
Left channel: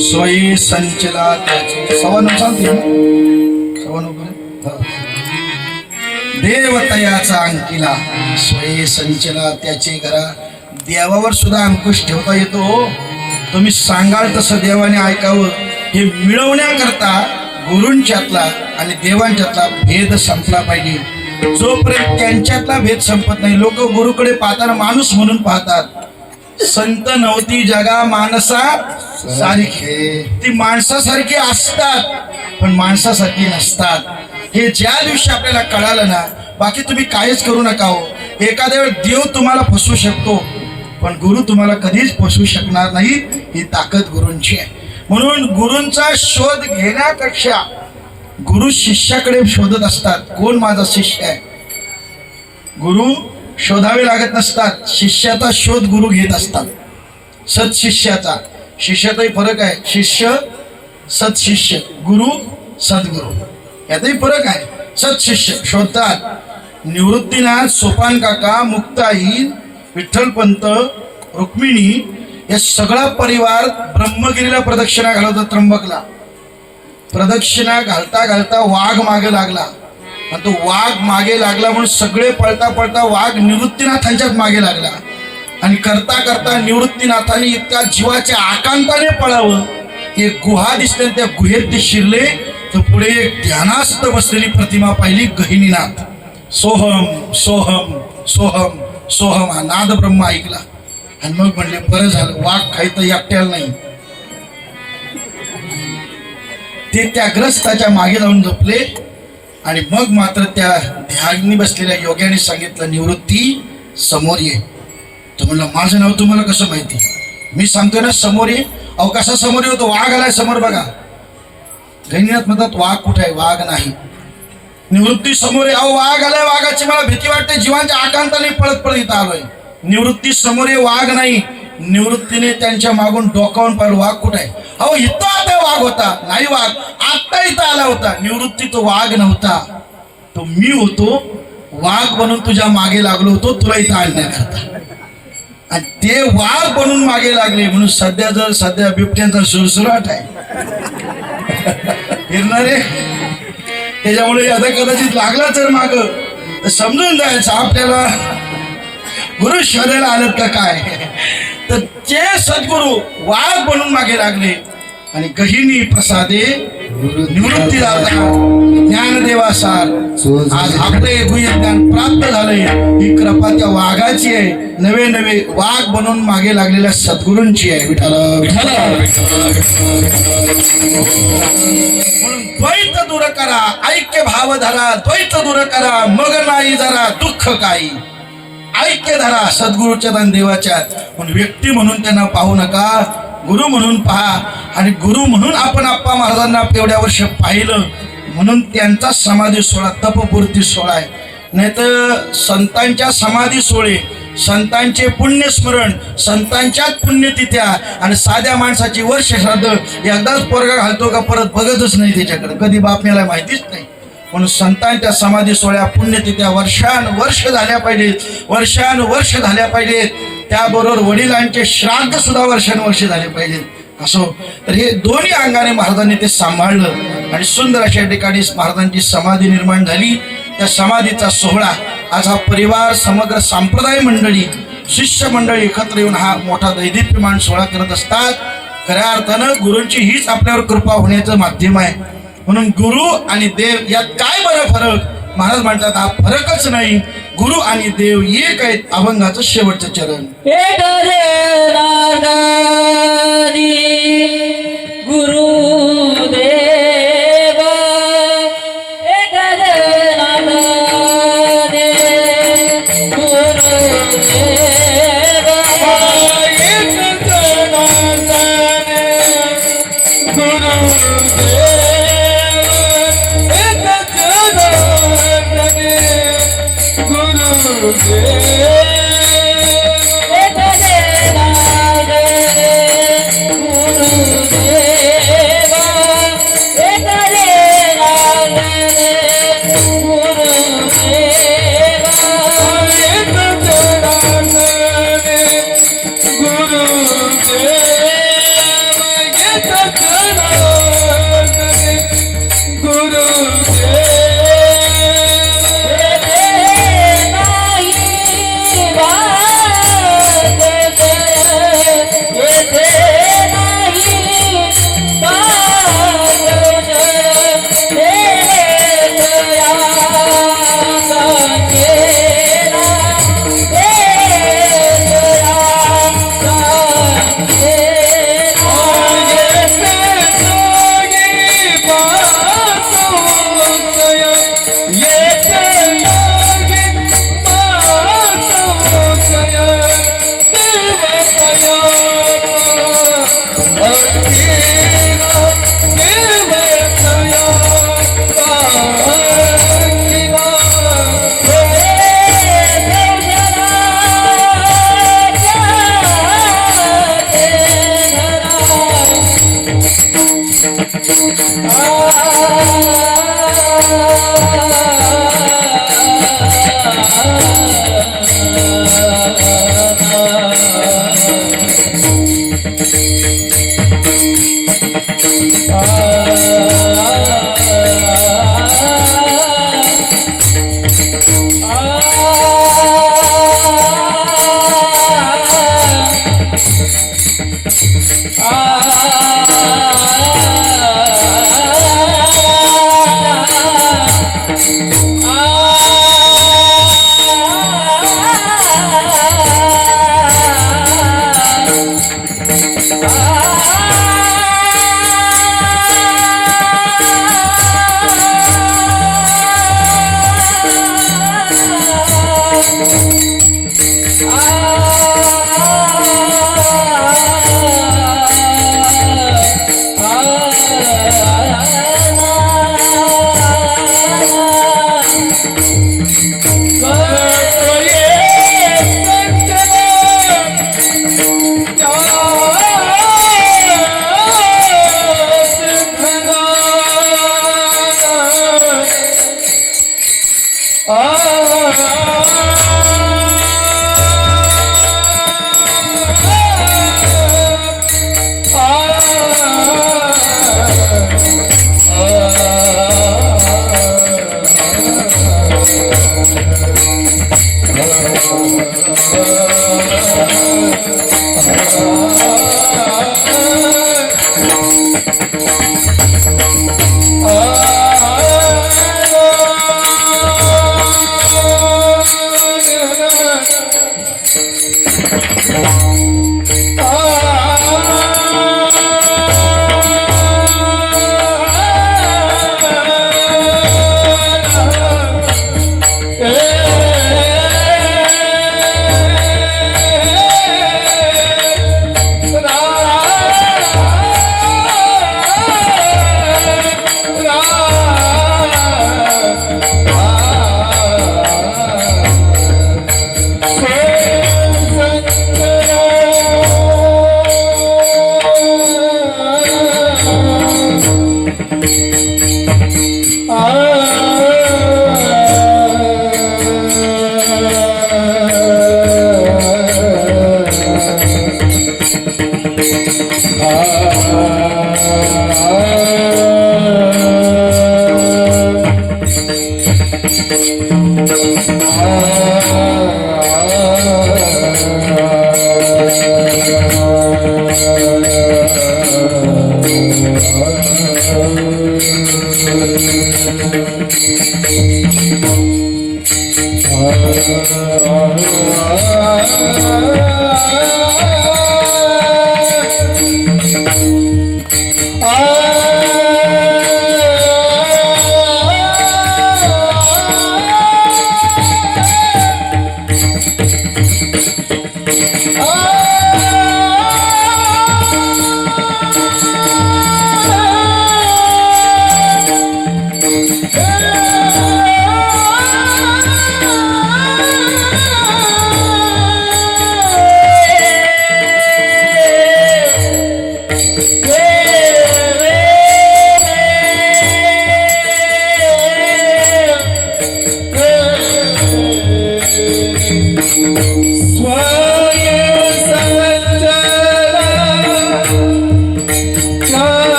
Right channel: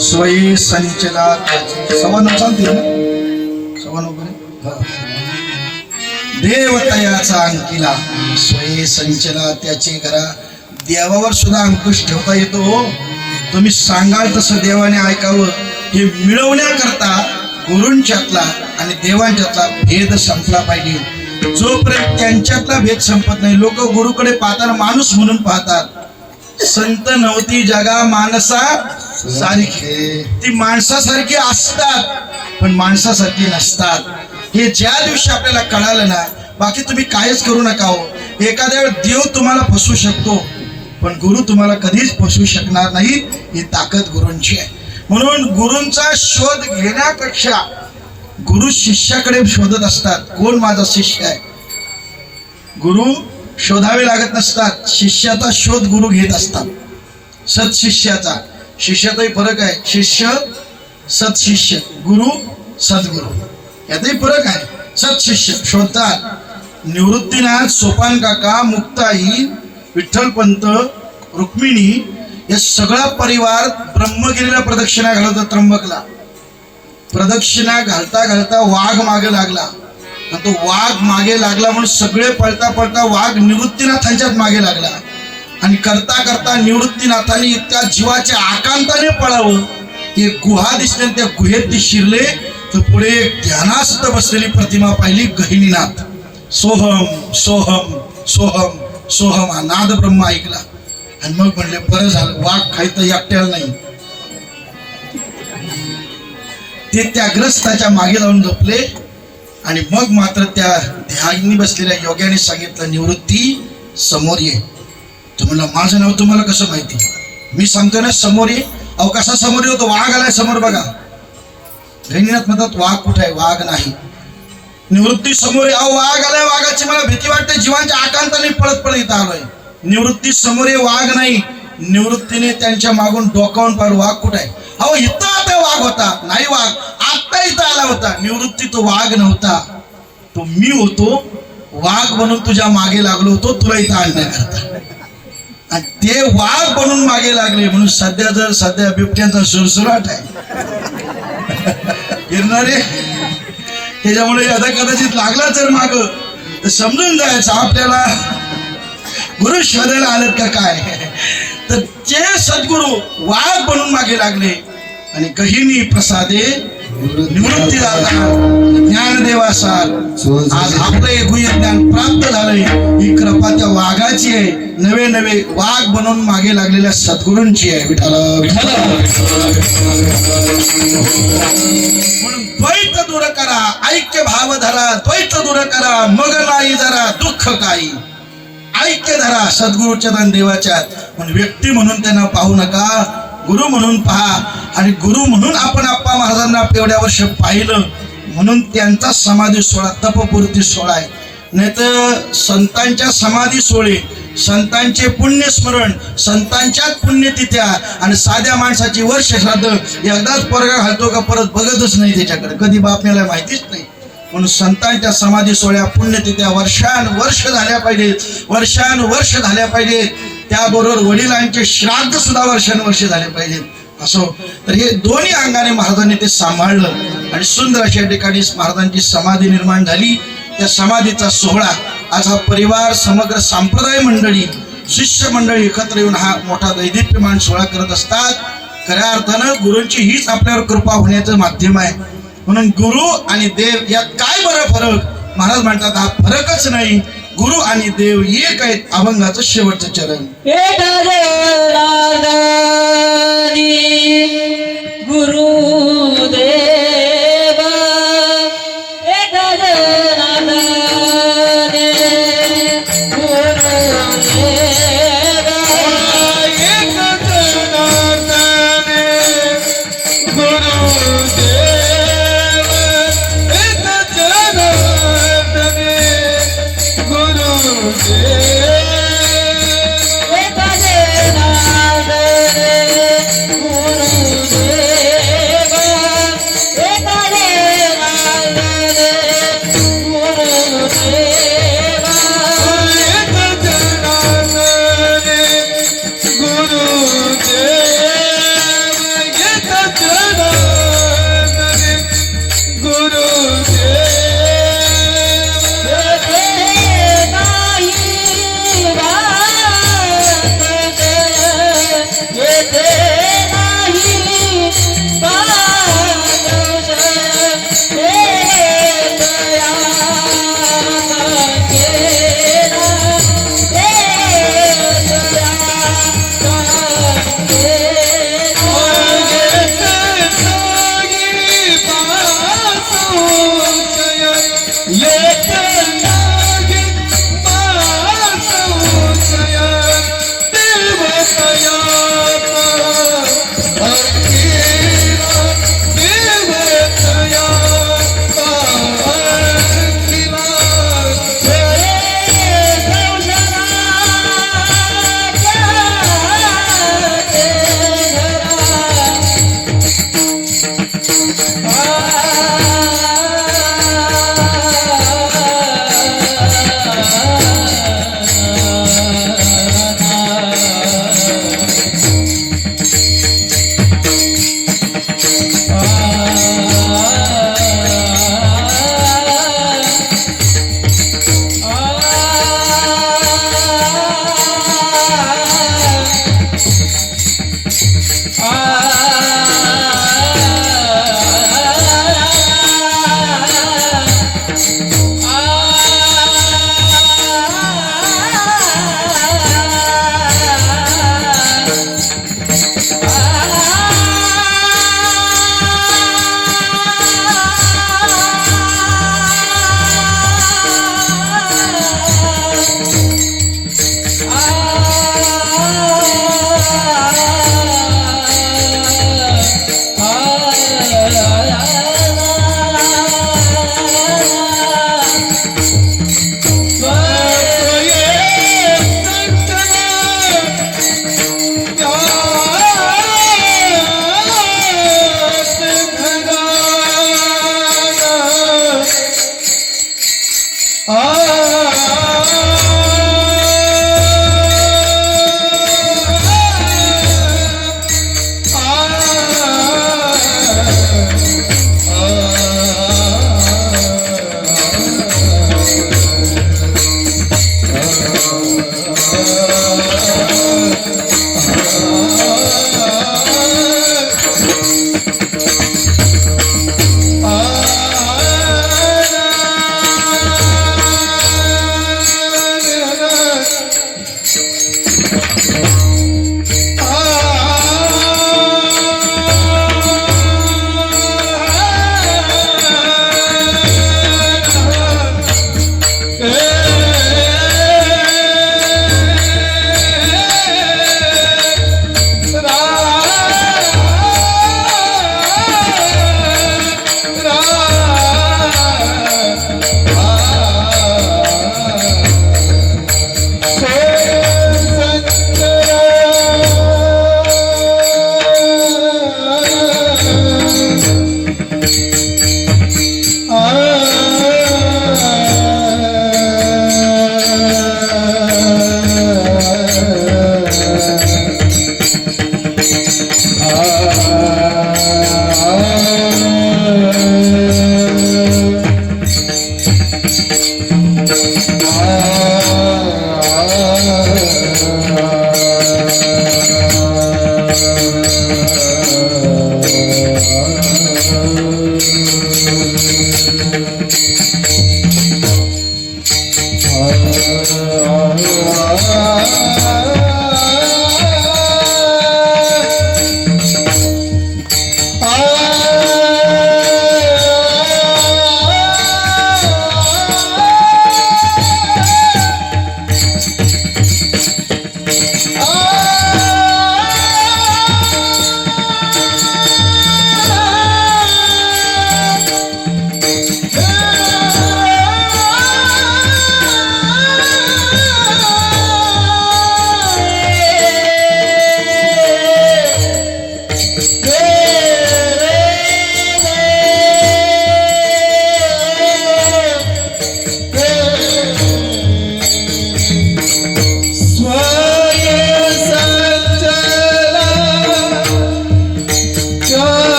स्वयं संचला त्याचे. सव्वा सांगते देवतयाचा अंकिला स्वयं संचला त्याचे घरा. देवावर सुद्धा अंकुश ठेवता येतो. तुम्ही सांगाल तसं देवाने ऐकावं, हे मिळवण्याकरता गुरूंच्यातला आणि देवांच्यातला भेद संपला पाहिजे. जोपर्यंत त्यांच्यातला भेद संपत नाही, लोक गुरुकडे पाहताना माणूस म्हणून पाहतात. संत नव्हती जगा माणसा सारखे, ती माणसासारखी असतात पण माणसासारखी नसतात. हे ज्या दिवशी आपल्याला कळालं ना, बाकी तुम्ही कायच करू नका हो. एखाद्या वेळ देव तुम्हाला फसवू शकतो पण गुरु तुम्हाला कधीच फसवू शकणार नाही. ही ताकद गुरूंची आहे. म्हणून गुरूंचा शोध घेण्यापेक्षा गुरु शिष्याकडे शोधत असतात, कोण माझा शिष्य आहे. गुरु शोधावे लागत नसतात, शिष्याचा शोध गुरु घेत असतात. सत्शिष्याचा, शिष्याचाही फरक आहे. शिष्य सत्शिष्य, गुरु सद्गुरु, यातही फरक आहे. सत्शिष्य शोधतात. निवृत्तीनाथ, सोपान काका, मुक्ताई, विठ्ठलपंत, रुक्मिणी या सगळा परिवार ब्रह्मगिरीला प्रदक्षिणा घालवतो. त्र्यंबकला प्रदक्षिणा घालता घालता वाघ मागे लागला आणि तो वाघ मागे लागला म्हणून सगळे पळता पळता वाघ निवृत्तीनाथांच्याच मागे लागला. आणि करता करता निवृत्तीनाथांनी इतक्या जीवाच्या आकांताने पळावं, एक गुहा दिसली आणि त्या गुहेत ते शिरले तर पुढे एक ध्यानास्थ बसलेली प्रतिमा पाहिली. गहिनीनाथ. सोहम सोहम सोहम सोहम हा नाद ब्रह्म ऐकला आणि मग म्हणले बरं झालं, वाघ काही तर एकट्याला नाही. ते त्या ग्रस्ताच्या मागे जाऊन झोपले आणि मग मात्र त्या ध्यानी बसलेल्या योग्याने सांगितलं, निवृत्ती समोर ये. तर म्हणलं माझं नाव तुम्हाला कसं माहिती. मी सांगतो ना समोर ये. अहो कसा समोर येतो, वाघ आलाय समोर बघा. गहिनीनाथ म्हणतात वाघ कुठे आहे. वाघ नाही. निवृत्ती समोर आहे. अहो वाघ आलाय, वाघाची मला भीती वाटते, जीवांच्या आकांताने पळत पळत इथं आलोय. निवृत्ती समोर आहे, वाघ नाही. निवृत्तीने त्यांच्या मागून डोकावून पाहिलं, वाघ कुठे आहे. अहो इथं आता वाघ होता. नाही, वाघ आत्ता इथं आला होता. निवृत्ती तो वाघ नव्हता, तो मी होतो. वाघ बनून तुझ्या मागे लागलो होतो तुला इथं आणण्याकरता. आणि ते वाघ बनून मागे लागले म्हणून सध्या बिबट्यांचा सुरसुराट आहे फिरणारे. त्याच्यामुळे आता कदाचित लागला तर माग तर समजून जायचं आपल्याला गुरु शोधायला आलं का काय. तर ते सद्गुरु वाघ बनून मागे लागले आणि गहिनी प्रसादे निवृत्ती दादा ज्ञानदेवासार आज आपले गुह्य ज्ञान प्राप्त झालंय. ही कृपा त्या वाघाची आहे, नवे नवे वाघ बनून मागे लागलेल्या सद्गुरूंची आहे. विठाला म्हणून द्वैत दूर करा, ऐक्य भाव धरा. द्वैत दूर करा, मग नाही जरा दुःख काही. ऐक्य धरा सद्गुरूच्या आणि देवाच्या. पण व्यक्ती म्हणून त्यांना पाहू नका, गुरु म्हणून पहा. आणि गुरु म्हणून आपण आप्पा महाराजांना एवढ्या वर्ष पाहिलं म्हणून त्यांचा समाधी सोहळा तपपूर्ती सोहळा आहे. नाही तर संतांच्या समाधी सोहळे, संतांचे पुण्यस्मरण, संतांच्याच पुण्यतिथ्या आणि साध्या माणसाची वर्ष श्राद्ध एकदाच पोरगा घालतो का परत बघतच नाही त्याच्याकडे, कधी बापण्याला माहितीच नाही. म्हणून संतांच्या समाधी सोहळ्या पुण्यतिथ्या वर्षानुवर्ष झाल्या पाहिजेत, वर्षानुवर्ष झाल्या पाहिजेत. त्याबरोबर वडिलांचे श्राद्ध सुद्धा वर्षानुवर्ष झाले पाहिजेत. असो तर हे दोन्ही अंगाने महाराजांनी ते सांभाळलं आणि सुंदर अशा ठिकाणी महाराजांची समाधी निर्माण झाली. त्या समाधीचा सोहळा आज हा परिवार, समग्र संप्रदाय मंडळी, शिष्य मंडळी एकत्र येऊन हा मोठा दैदिप्यमान सोहळा करत असतात. खऱ्या अर्थानं गुरूंची हीच आपल्यावर कृपा होण्याचं माध्यम आहे. म्हणून गुरु आणि देव यात काय बरं फरक. महाराज म्हणतात हा फरकच नाही, गुरु आणि देव एक आहेत. अभंगाचं शेवटचं चरण. गुरुदेव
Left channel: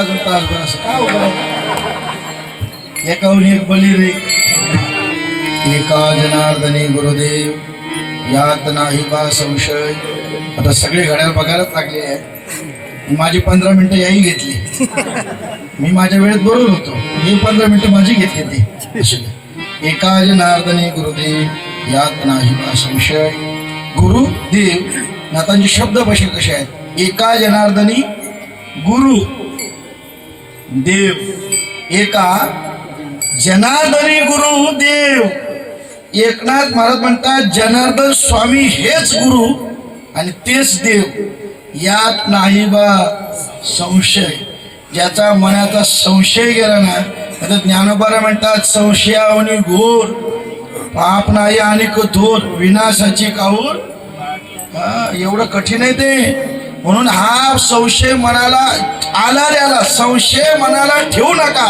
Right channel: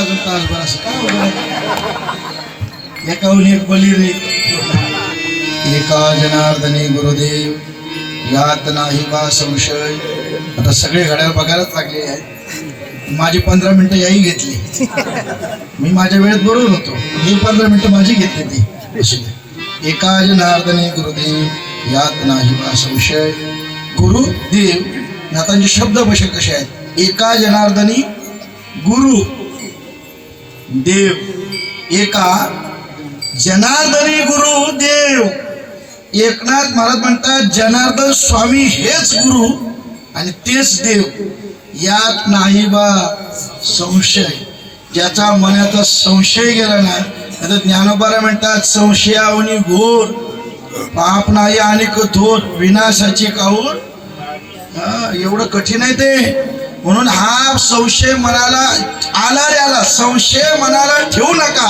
अजून तासभर असं काय होतं एकाहून एक बली रे एका जनार्दनी गुरुदेव यात नाही बा संशय. आता सगळे घड्याळ बघायलाच लागले आहे. माझी 15 मिनिटं याही घेतली. मी माझ्या वेळेत बरोबर होतो. मी 15 मिनिटं माझी घेतली ती. एका जनार्दनी गुरुदेव यात नाही बा संशय. गुरुदेव नातांचे शब्द बसे कसे आहेत. एका जनार्दनी गुरु देव. एका जनार्दनी गुरु देव. एकनाथ महाराज म्हणतात जनार्दन स्वामी हेच गुरु आणि तेच देव. यात नाही बा संशय. ज्याचा मनाचा संशय गेला ना आता ज्ञानोबाला म्हणतात संशयावनी घोर पाप नाही आणि कठोर विनाशाची काहूर. एवढं कठीण आहे ते. म्हणून हा संशय मनाला आला संशय मनाला ठेवू नका.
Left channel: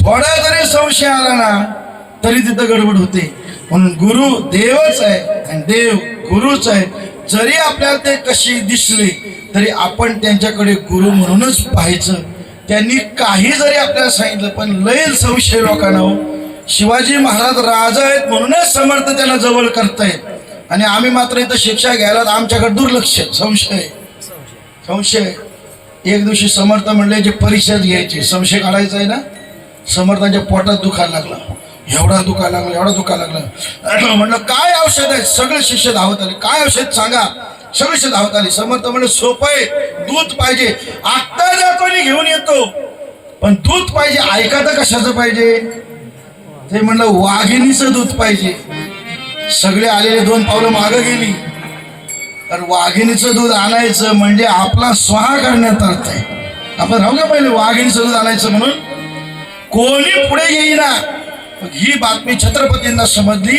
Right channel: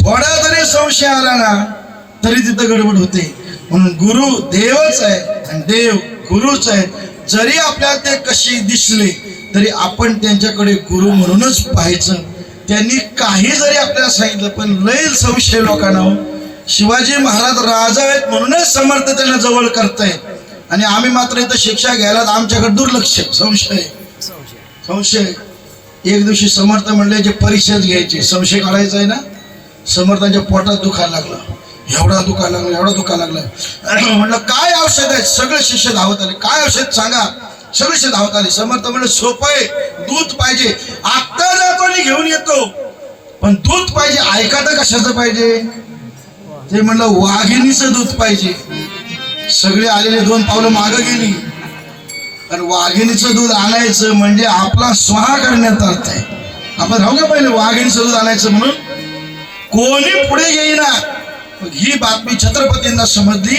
थोडा जरी संशय आला ना तरी तिथं गडबड होते. म्हणून गुरु देवच आहे आणि देव गुरुच आहे. जरी आपल्याला ते कशी दिसले तरी आपण त्यांच्याकडे गुरु म्हणूनच पाहायचं. त्यांनी काही जरी आपल्याला सांगितलं पण लय संशय लोकांना हो. शिवाजी महाराज राजा आहेत म्हणूनच समर्थ त्यांना जवळ करतायत आणि आम्ही मात्र इथं शिक्षा घ्यायला आमच्याकडे दुर्लक्ष. संशय संशय. एक दिवशी समर्थ म्हणले जे परिषद घ्यायची संशय काढायचा आहे ना. समर्थांच्या पोटात दुखायला लागला. एवढा दुखायला लागला. म्हणलं काय औषध आहे. सगळे शिष्य धावत आले. काय औषध सांगा. सगळे धावत आले. समर्थ म्हणलं सोपं आहे. दूध पाहिजे. आत्ता जातो आणि घेऊन येतो पण दूध पाहिजे. ऐका तर कशाचं पाहिजे. ते म्हणलं वाघिणीचं दूध पाहिजे. सगळे आलेले 2 पावलं मागं गेली. तर वाघिणीचं दूध आणायचं म्हणजे आपला स्वाहा करण्यात अर्थ आहे. आपण राहू का पहिले वाघिणीचं दूध आणायचं म्हणून कोणी पुढे येईना. ही बातमी छत्रपतींना समजली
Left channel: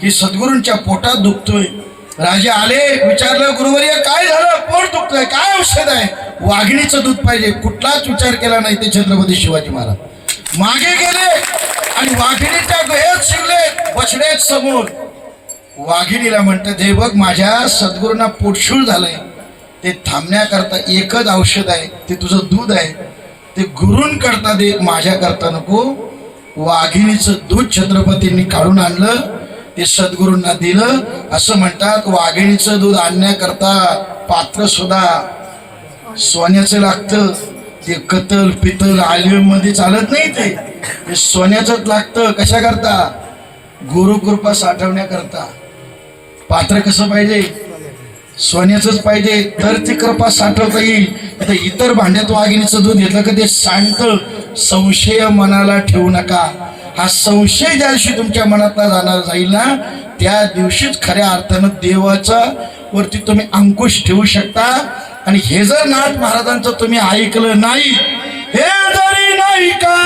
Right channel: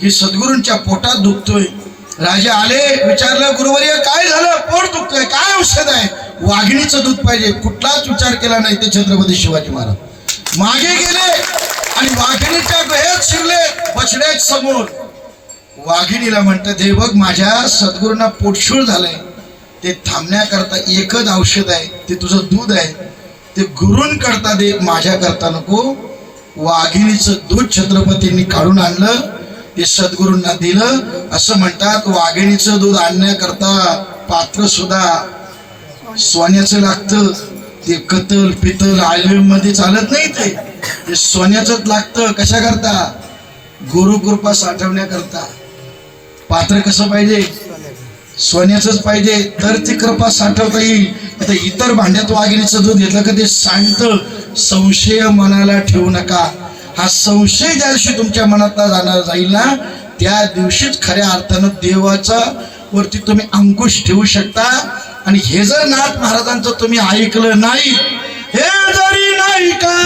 की सद्गुरूंच्या पोटात दुखतोय. राजे आले विचारलं गुरुवर्य काय झालं. पोट दुखतोय काय औषध आहे. वाघिणीचं दूध पाहिजे. कुठलाच विचार केला नाही ते छत्रपती शिवाजी महाराज मागे गेले आणि वाघिणीच्या गळ्यात शिरले बछड्या समोर. वाघिणीला म्हणतात हे बघ माझ्या सद्गुरूंना पोटशूळ झालंय ते थांबण्याकरता एकच औषध आहे, ते तुझं दूध आहे. ते गुरूंकरता दे, माझ्याकरता नको. वाघिणीचं दूध छत्रपतींनी काढून आणलं, ते सद्गुरूंना दिलं. असं म्हणतात वाघिणीचं दूध आणण्याकरता पात्र सुद्धा सोन्याचं लागतं. ते कतल पितल आयुर्वेद मध्ये चालत नाही, ते सोन्याचंच लागतं. कशा करता? गुरुकृपा साठवण्याकरता. पात्र कसं पाहिजे? सोन्याचंच पाहिजे, तर ती कृपा साठवता येईल. आता इतर भांड्यात वाघिणीचं दूध घेतलं का ते सांडतं. संशय मनाला ठेवू नका. हा संशय ज्या दिवशी तुमच्या मनात जाणार जाईल ना, त्या दिवशीच खऱ्या अर्थानं देवाचा वरती तुम्ही अंकुश ठेवू शकता. आणि हे जर नाथ महाराजांचं तुम्ही ऐकलं नाही, हे जरी नाही का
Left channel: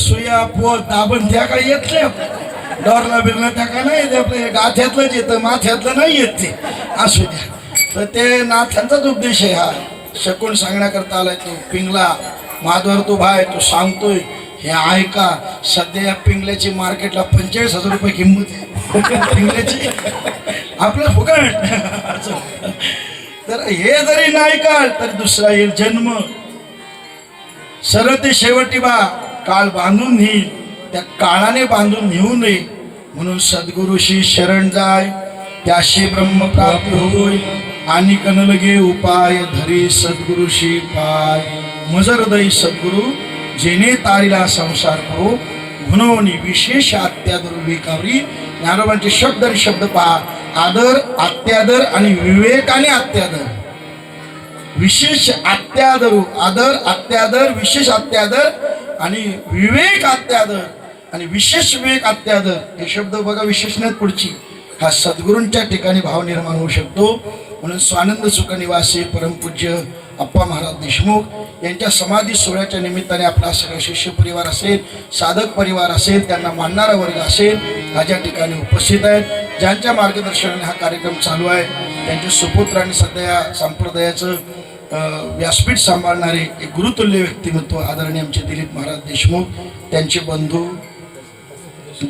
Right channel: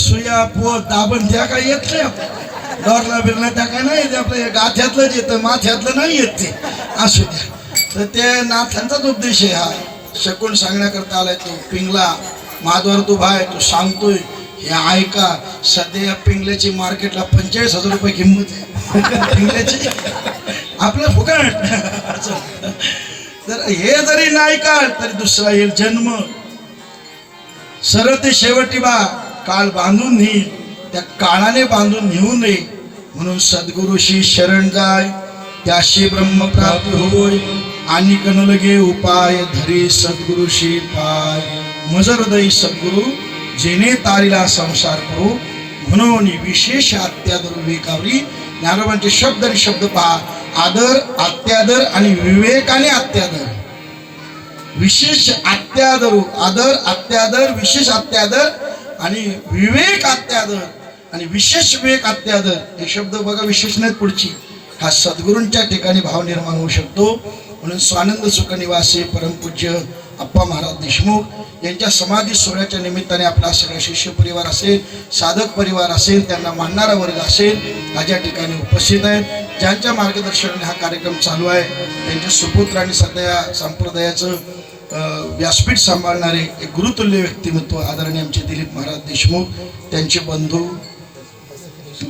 सुया पोत दाबण त्या काय येत नाही. डॉरला बिरला त्या काय नाही येत. आपल्या गाथ्यातलंच येतं, माथ्यातलं नाही येत ते. असू द्या. तर ते नाथांचाच उद्देश आहे हा. शकून सांगण्याकरता आलाय. तू पिंगला माधवर तू भाय तू सांगतोय हे ऐका. सध्या या पिंगल्याची मार्केटला 45,000 रुपये किंमत आहे. पिंगल्याची आपलं फुकट. तर हे जरी नाही का तरी दुसरा येईल जन्म. सरळ ते शेवटी बा काळ बांधून नेईल, त्या काळाने बांधून नेऊ नये. म्हणून सद्गुरुशी शरण जाय, त्याशी ब्रह्मप्राप्ती होय. आणि कनलगे उपाय धरी सद्गुरुशी पाय. मजर दई सद्गुरु जेने तारीला संसार करो. म्हणून विशेष अत्यादर विवेकावरी. ज्ञानोबांचे शब्द आणि शब्द पहा. आदर अत्यादर आणि विवेकाने अत्यादर. विशेष अत्यादर, आदर अत्यादर, विशेष अत्यादर आणि विवेक अत्यादर आणि विशेष विवेक अत्यादर. हे शब्द बघा विशेष नाहीत पुढची. हा सद्गुरूंच्या ठिकाणी भाव निर्माण होऊ शकतो. म्हणून स्वानंद सुख निवासी परमपूज्य अप्पा महाराज देशमुख यांच्या समाधी सोहळ्याच्या निमित्ताने आपला सगळा शिष्य परिवार असेल, साधक परिवार असेल, त्यांना मानणारा वर्ग असेल, माझ्या ठिकाणी उपस्थित आहेत. ज्यांच्या मार्गदर्शनाने हा कार्यक्रम चालू आहे त्यांचे सुपुत्र आणि सध्या संप्रदायाचं व्यासपीठ सांभाळणारे एक गुरुतुल्य व्यक्तिमत्व आदरणीय आमचे दिलीप महाराज देशमुख, त्यांचे बंधू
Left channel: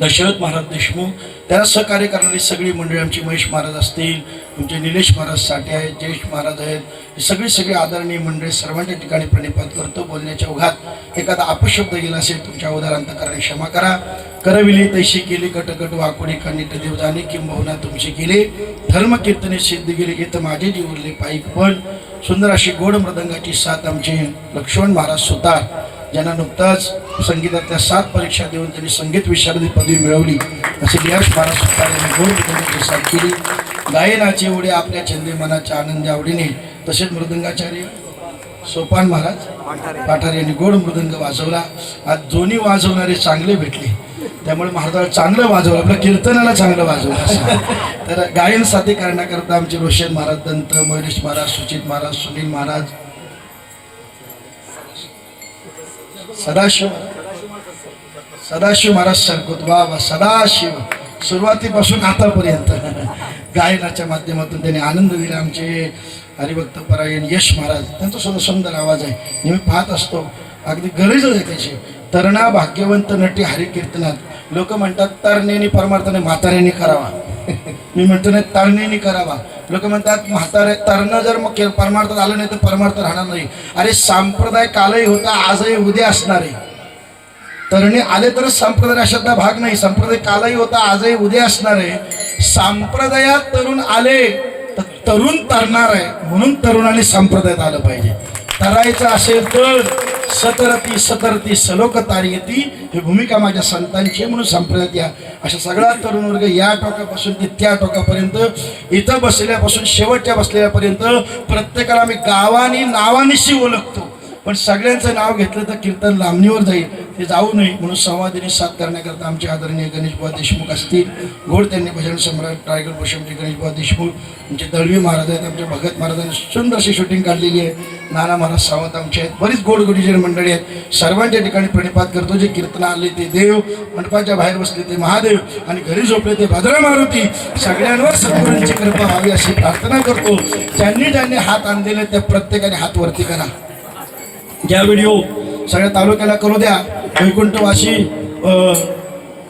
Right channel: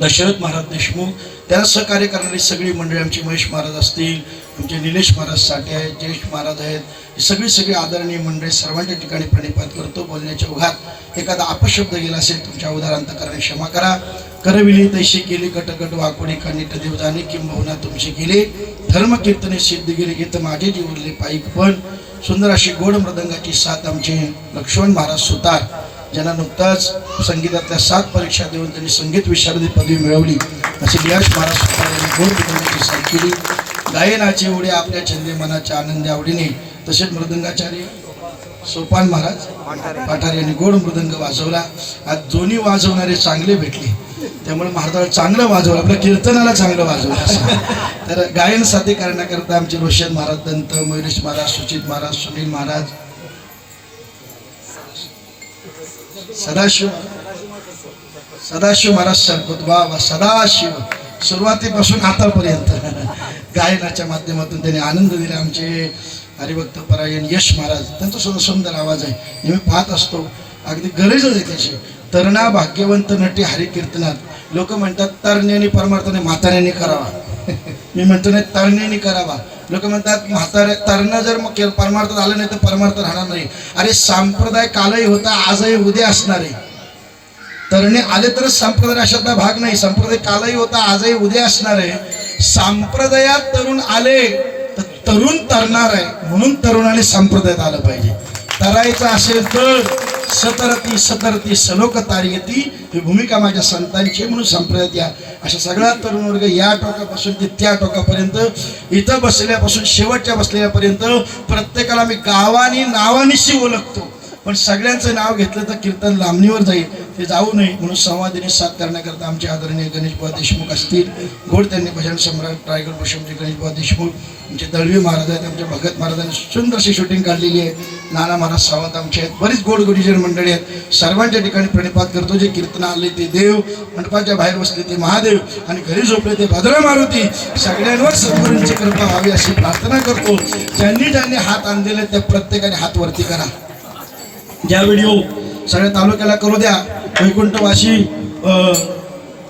दशरथ महाराज देशमुख, त्याला सहकार्य करणारी सगळी मंडळी, आमची महेश महाराज असतील, आमचे निलेश महाराज साठे आहेत, जयेश महाराज आहेत, ही सगळी आदरणीय मंडळी सर्वांच्या ठिकाणी प्रणिपात करतो. बोलण्याच्या ओघात एखादा अपशब्द गेला असेल तुमच्या उदाहरणार्थ करणे क्षमा करा. करविली तैशी केली कटकट वाकुडी कानिट देव जाणे किंबहुना तुमचे गेले. धर्म कीर्तने सिद्ध गेले घेत माझे जीवरले पाईक. पण सुंदर अशी गोड मृदंगाची साथ आमचे लक्ष्मण महाराज सुतार, ज्यांना नुकताच संगीतातल्या 7 परीक्षा देऊन त्यांनी संगीत विशारदी पदवी मिळवली, असे यश महाराज सुतार यांनी गोड मृदंगाची साथ केली. गायनाची उडी आपल्या छंदी मनाच्या आनंदी आवडीने. तसेच मृदंगाचार्य सोपान महाराज पाठारे यांनी गोड मृदंग वाजवला. आज दोन्ही वाजवणारे चांगले भेटले, त्यामुळे महाराजाला चांगलं वाजवलं, आपल्या कीर्तनाला चांगलं वाजवलं. तर गायन साथी करण्याकरता आमचे रोशन महाराज दंत, मयुरेश महाराज, सुचित महाराज, सुनील महाराज, सदाशिव महाराज सरकुत. वा सदाशिव सुरुवातीपासून आतापर्यंत गायनाच्या माध्यमातून त्यांनी आनंद दिला. आमचे हरिभक्त परायण यश महाराज, त्यांचा सुद्धा सुंदर आवाज आहे, नेहमी पाहत असतो. अगदी गरजच आहे त्याची. तरणा भाग्यवंत नटी हरिकीर्तनात लोक म्हणतात तरण्याने परमार्थाने म्हाताऱ्याने करावा. मी म्हणतो नाही, तरण्याने करावा. लोक म्हणतात म्हातारे तरणं जर मग परमार्थात आलं नाही तर परमार्थ राहणार नाही. अरे संप्रदाय कालही होता, आजही उद्या असणार आहे. तरणे आले तरच संप्रदाय अशातला भाग नाही. संप्रदाय कालही होता, आजही उद्या असणार आहे. संप्रदायात तरुण आले तर तरुण तरणार आहे, म्हणून तरुणाने संप्रदायात आलं पाहिजे. तरायचं असेल तर सतरती सतरती सलोक तारयती, ही भूमिका माझ्या संतांची, म्हणून संप्रदायात या. अशा सगळा तरुण वर्ग या टोकापासून ते त्या टोकापर्यंत, इथं बसलेल्यापासून शेवटच्या बसलेल्यापर्यंत प्रत्येकाला मी गावानी नावानिशी ओळखतो. पण सगळ्यांचं नाव घेतलं तर कीर्तन लांबणीवर जाईल, ते जाऊ नये म्हणून संवादिनी साथ करण्याकरता आमचे आदरणीय गणेशबुवा देशमुख असतील. गोड त्यांनी भजन सम्राट रायगड भूषणचे गणेशबुवा देशमुख, आमचे दळवी महाराज आहेत, आमचे भगत महाराजांनी सुंदर अशी शूटिंग काढलेली आहे. नाना महाराज सावंत आमचे आहेत, बरीच गोड गुढीजन मंडळी आहेत. सर्वांच्या ठिकाणी प्रणिपात करतो. जे कीर्तन आले ते देव, मंडपाच्या बाहेर बसले ते महादेव, आणि घरी झोपले ते भद्र मारुती. सगळ्यांवर सद्गुरूंची कृपा व्हावी अशी प्रार्थना करतो. ज्यांनी ज्यांनी हात आणलेले ते प्रत्येकाने हात वरती करा. ज्या व्हिडिओ सगळ्या तालुक्याला करू द्या. वैकुंठवासी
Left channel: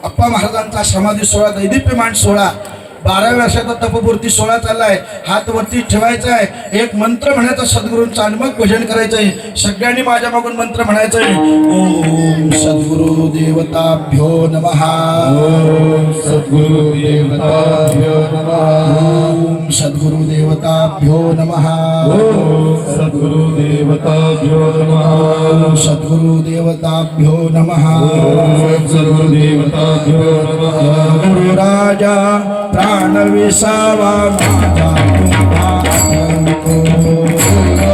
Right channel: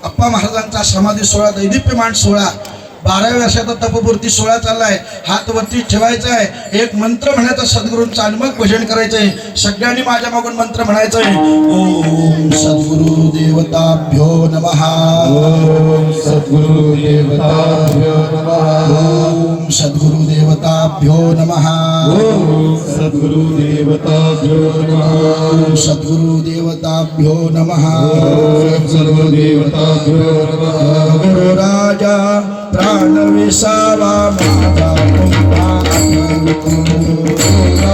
अप्पा महाराजांचा समाधी सोहळा, दैदिप्यमान सोहळा, 12व्या वर्षाचा तपपूर्ती सोहळा चाललाय. हात वरती ठेवायचा आहे. एक मंत्र म्हणायचा सद्गुरूंचा आणि मग भजन करायचं आहे. सगळ्यांनी माझ्या मागून मंत्र म्हणायचं आहे. ओम सद्गुरु देवताभ्यो नमः. ओम सद्गुरु देवताभ्यो नमः. ओम सद्गुरु देवताभ्यो नमः. ओम सद्गुरु देवताभ्यो नमः. ओम सद्गुरु देवताभ्यो नमः. ओम सद्गुरु देवताभ्यो नमः. गुरु राजा प्राण विसावा माझा तुम्हा आठवतो.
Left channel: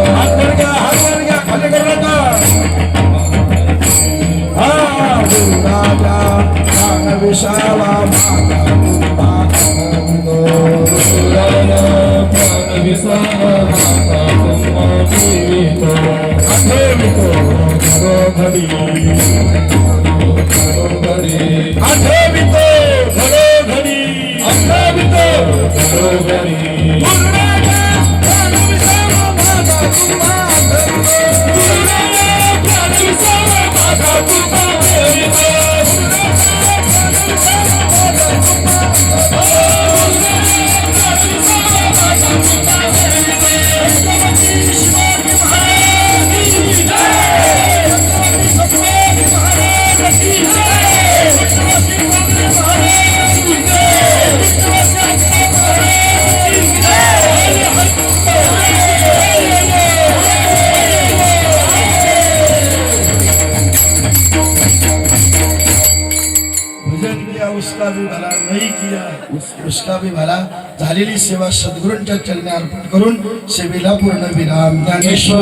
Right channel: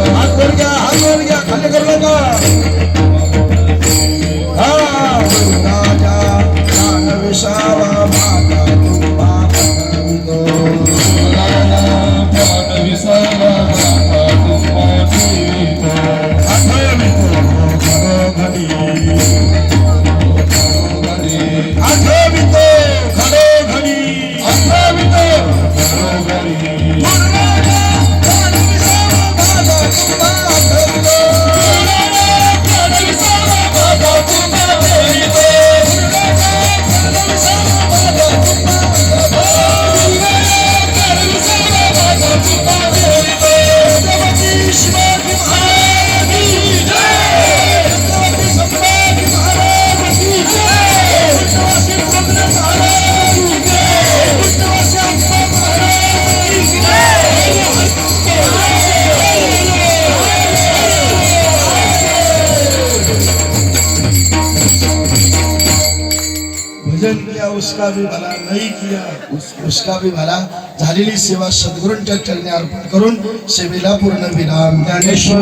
हात वर घ्या, खाली करू नका. हा गुरु राजा प्राण विसावा माझा तुम्हा आठवतो. प्राण विसावा माझा तुम्हा जीवितो. आठवतो घडोघडी, आठवतो घडोघडी, आठवतो घडोघडी. गुरु राजा प्राण विसावा माझा तुम्हा आठवतो. गुरु राजा प्राण विसावा माझा तुम्हा आठवतो. गुरु राजा प्राण विसावा माझा तुम्हा आठवतो. गुरु राजा प्राण विसावा माझा तुम्हा आठवतो. छत्रपती शिवाजी महाराज की जय. छत्रपती संभाजी महाराज की जय. छत्रपती पुंडलिक महाराज की जय. छत्रपती अप्पा महाराज की भजन किया उसका भी भला, नहीं किया उसका भी भला. झालेली सेवा सद्गुरूंच्या चरणी अर्पण करून सेवेला पूर्ण विराम. ज्ञानेश्वर